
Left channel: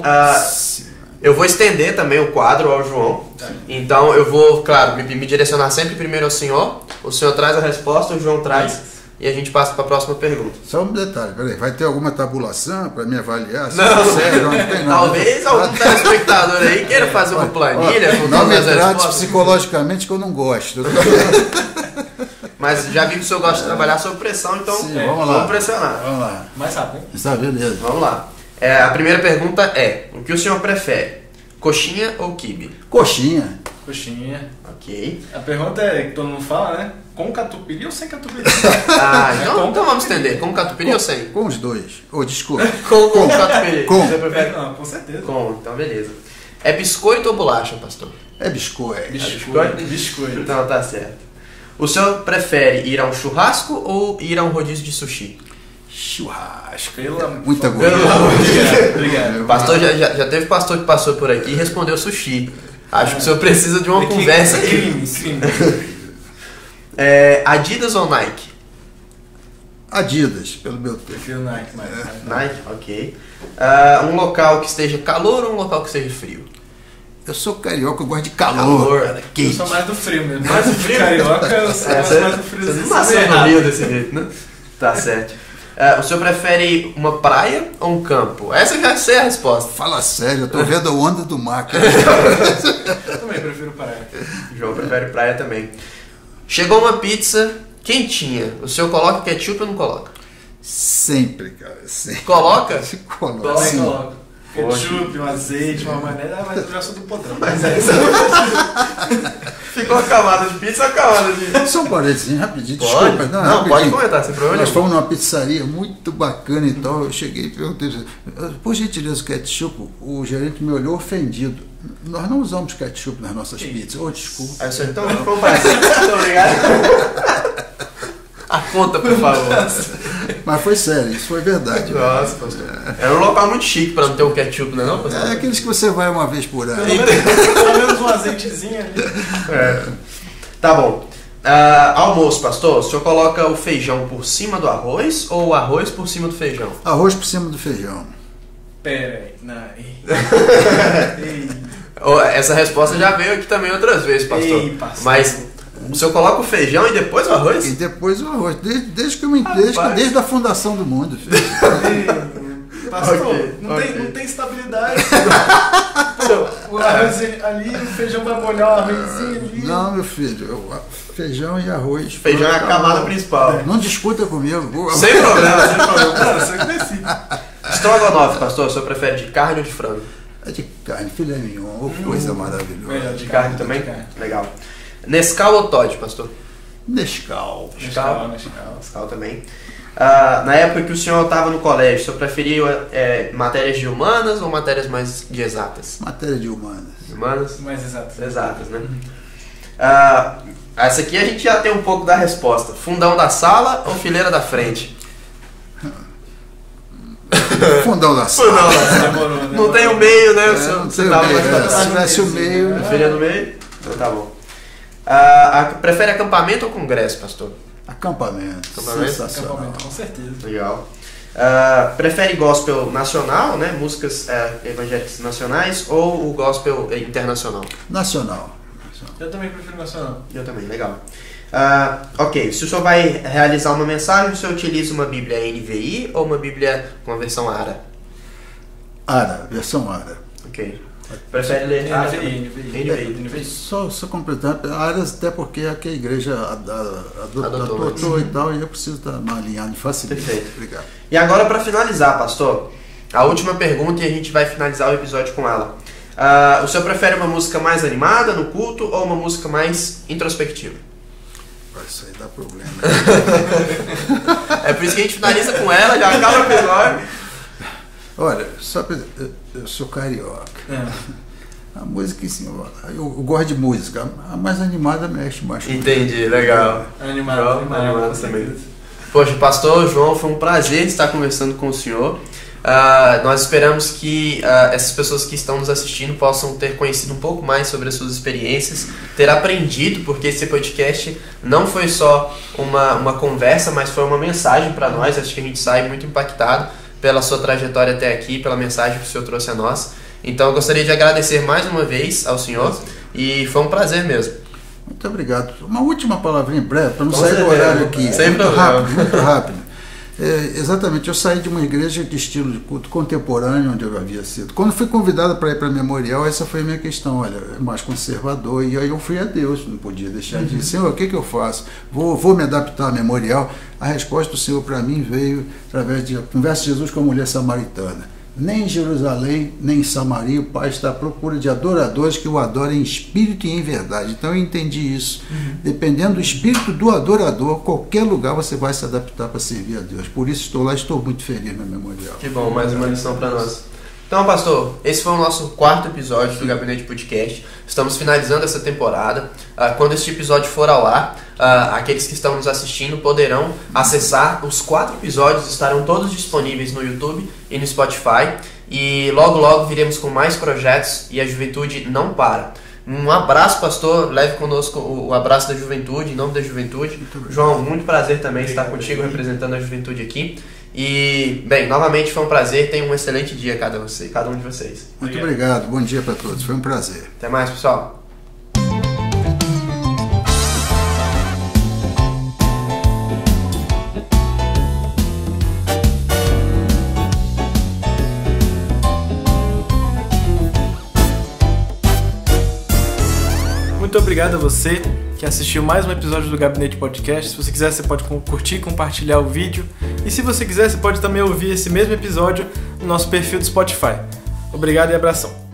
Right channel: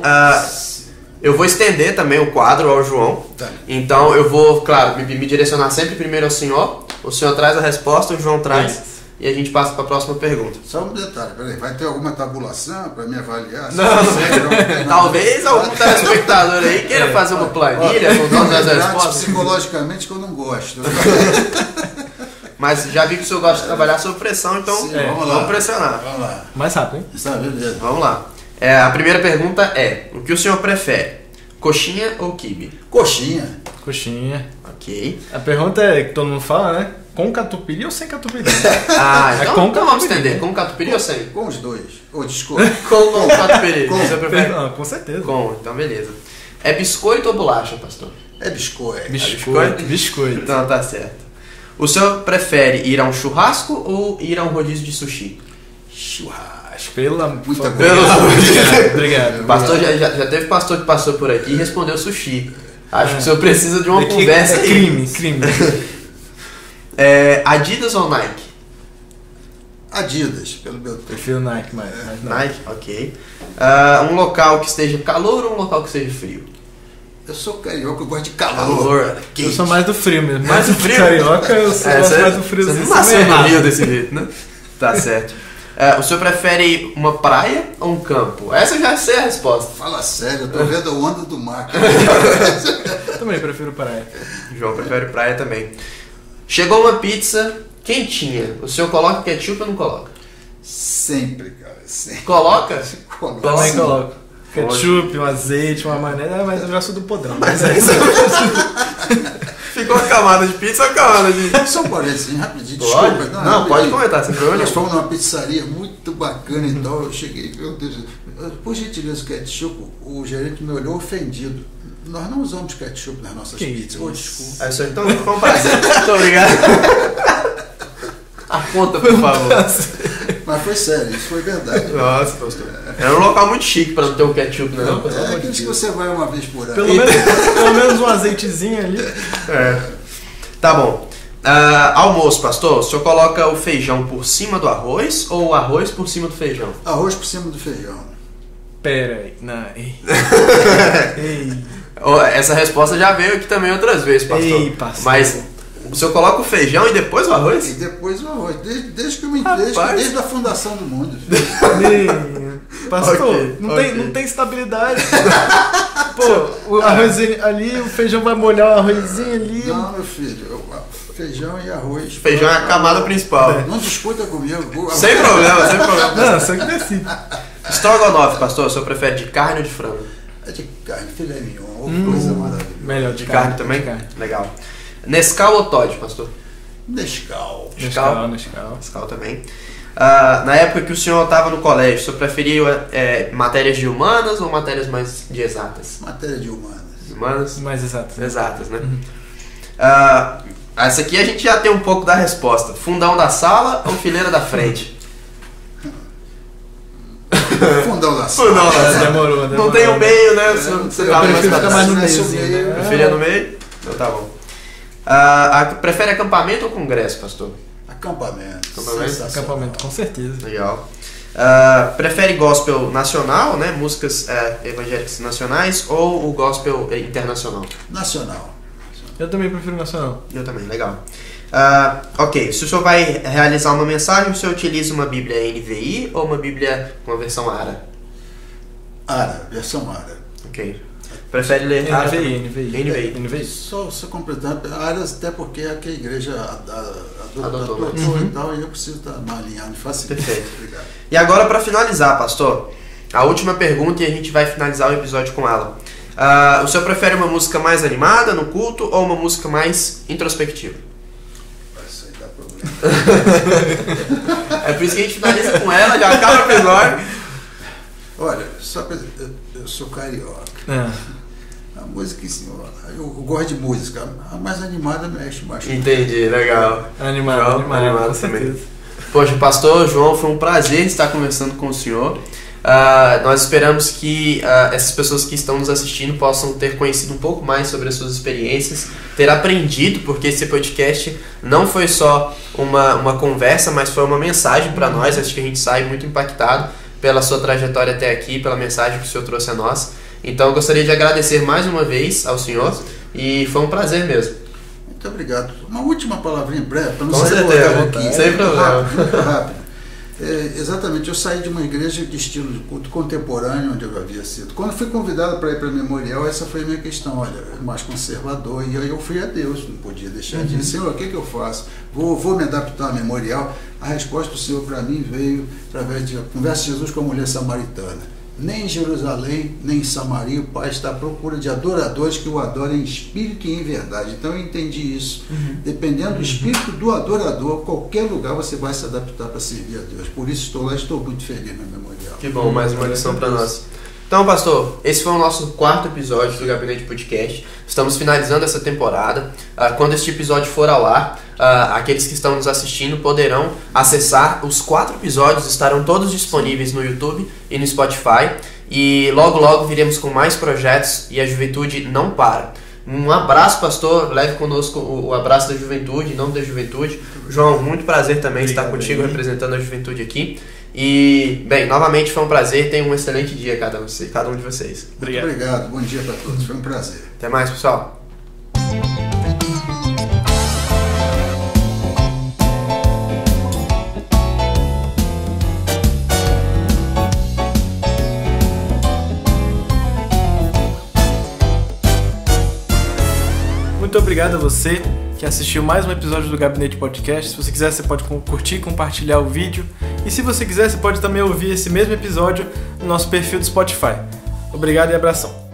eu vou estender também o quadro ao João. Então, eu vou, claro, me direcionar sempre primeiro ao senhor. O senhor traz a resposta, o João traz. E a gente passa para a próxima pergunta. Só um detalhe, peraí, vai ter alguma tabulação para me avaliar? Não tem. Talvez algum telespectador aí queira fazer uma planilha com todas as respostas. Psicologicamente que eu não gosto. Mas já vi que o senhor gosta de trabalhar sob pressão, então vamos pressionar. Vamos lá. Mais rápido, hein? Beleza. Vamos lá. A primeira pergunta é: o que o senhor prefere? Coxinha ou quibe? Coxinha. Coxinha. Ok. A pergunta é, que todo mundo fala, né? Com catupiry ou sem catupiry? Então vamos entender. Com catupiry ou sem? Com os dois. Desculpa. Com catupiry. Você prefere? Não, com certeza. Então beleza. É biscoito ou bolacha, pastor? É biscoito. Biscoito. Então tá certo. O senhor prefere ir a um churrasco ou ir a um rodízio de sushi? Churrasco. Muita Obrigado. Pastor, já teve pastor que passou por aqui e respondeu sushi. Acho que o senhor precisa de uma conversa aqui. Crime. Adidas ou Nike? Adidas, pelo meu tempo. Prefiro Nike, mas Nike, ok. Um local que esteja calor ou um local que esteja frio? Eu sou carioca, eu gosto de calor. Cara, eu sou mais do frio mesmo. Mais do frio? Carioca, eu gosto mais do frio. Você não nasceu no Rio desse jeito, né? Tá certo. O senhor prefere uma praia ou um campo? Essa já sei a resposta. Fala sério, eu tô vendo a onda do mar. Eu também prefiro praia. O João prefere praia também. Chegou uma pizza quentinha. O senhor coloca ketchup ou não coloca? Sempre, cara. Sempre. Coloca? Também coloco. Ketchup, um azeite, uma maionese, mas eu já sou do podrão. Mas é isso. Ficou uma camada de pizza ou uma camada de... Só um parezinho, rapidinho. Pode? Desculpa. Não, pode comentar, sem problema. Nós fomos numa pizzaria muito bacana e tal. Eu cheguei e perguntei, por gentileza, ketchup, o gerente me olhou ofendido. Nós não usamos ketchup nas nossas pizzas. Desculpa. Aí o senhor, então, foi um prazer. Muito obrigado. A conta, por favor. Mas foi sério, isso foi verdade. Nossa, pastor. É um local muito chique pra não ter um ketchup, não é não, pastor? É aqueles que você vai uma vez por ano. Pelo menos um azeitezinho ali. Tá bom. Almoço, pastor. O senhor coloca o feijão por cima do arroz ou o arroz por cima do feijão? Arroz por cima do feijão. Pera aí. Não. Ei. Essa resposta já veio aqui também outras vezes, pastor. Ei, pastor. Mas o senhor coloca o feijão e depois o arroz? E depois o arroz. Desde a fundação do mundo. Pastor, Okay, não tem estabilidade. Pô, o arrozinho ali, o feijão vai molhar o arrozinho ali. Não, meu filho. Feijão e arroz. Feijão é a camada principal. Não discuta comigo. Sem problema, sem problema. Não, só que decide. Estrogonofe, pastor, o senhor prefere de carne ou de frango? É de carne, filé mignon, coisa maravilhosa. Melhor De carne também? Legal. Nescau ou Toddy, pastor? Nescau. Nescau também. Na época que o senhor estava no colégio, o senhor preferia matérias de humanas ou matérias mais de exatas? Matéria de humanas. Humanas? Mais exatas. Exatas, né? Essa aqui a gente já tem um pouco da resposta. Fundão da sala ou fileira da frente? Fundão da sala. Demorou. Não tem o meio, né? Você estava no meio. Preferia no meio? Então tá bom. Prefere acampamento ou congresso, pastor? Acampamento. Acampamento, com certeza. Legal. Prefere gospel nacional, né? Músicas evangélicas nacionais ou o gospel internacional? Nacional. Eu também prefiro nacional. Eu também, legal. Ok, se o senhor vai realizar uma mensagem, o senhor utiliza uma Bíblia NVI ou uma Bíblia com a versão ARA? ARA, versão ARA. Ok. Prefere ler NVI. Só completando, ARAs até porque é que a igreja adotou e tal, e eu preciso estar alinhado facilmente. Perfeito. Obrigado. E agora, para finalizar, pastor, a última pergunta e a gente vai finalizar o episódio com ela. O senhor prefere uma música mais animada no culto ou uma música mais introspectiva? Isso aí dá problema. É por isso que a gente finaliza com ela, já acaba o episódio. Olha, eu sou carioca. A música, assim, eu gosto de música. A mais animada mexe mais. Entendi, legal. Animado também. Poxa, pastor João, foi um prazer estar conversando com o senhor. Nós esperamos que essas pessoas que estão nos assistindo possam ter conhecido um pouco mais sobre as suas experiências, ter aprendido, porque esse podcast não foi só uma conversa, mas foi uma mensagem para nós. Acho que a gente sai muito impactado pela sua trajetória até aqui, pela mensagem que o senhor trouxe a nós. Então eu gostaria de agradecer mais uma vez ao senhor e foi um prazer mesmo. Muito obrigado. Uma última palavrinha breve, para não Com sair do certeza, horário aqui. sem problema. Muito rápido. Exatamente, eu saí de uma igreja de estilo de culto contemporâneo, onde eu havia sido. Quando fui convidado para ir para Memorial, essa foi a minha questão, olha, mais conservador, e aí eu fui a Deus, não podia deixar de dizer, Senhor, o que eu faço? Vou me adaptar a Memorial? A resposta do Senhor para mim veio através de conversa de Jesus com a mulher samaritana. nem em Jerusalém, nem em Samaria, o Pai está à procura de adoradores que o adorem em espírito e em verdade. Então eu entendi isso. Dependendo do espírito do adorador, qualquer lugar você vai se adaptar para servir a Deus. Por isso estou lá, estou muito feliz na Memorial. Que bom, mais uma lição para nós. Então, pastor, esse foi o nosso 4º episódio do Gabinete Podcast. Estamos finalizando essa temporada. Quando este episódio for ao ar, aqueles que estão nos assistindo poderão acessar. Os 4 episódios estarão todos disponíveis no YouTube e no Spotify. E logo, logo viremos com mais projetos e a juventude não para. Um abraço, pastor. Leve conosco o abraço da juventude, em nome da juventude. João, muito prazer também estar contigo, representando a juventude aqui. E, bem, novamente foi um prazer. Tenham um excelente dia cada um de vocês. Muito obrigado. Bom dia para todos. Foi um prazer. Até mais, pessoal. Muito obrigado a você que assistiu mais um episódio do Gabinete Podcast. Se você quiser, você pode curtir, compartilhar o vídeo. E se você quiser, você pode também ouvir esse mesmo episódio no nosso perfil do Spotify. Obrigado e abração.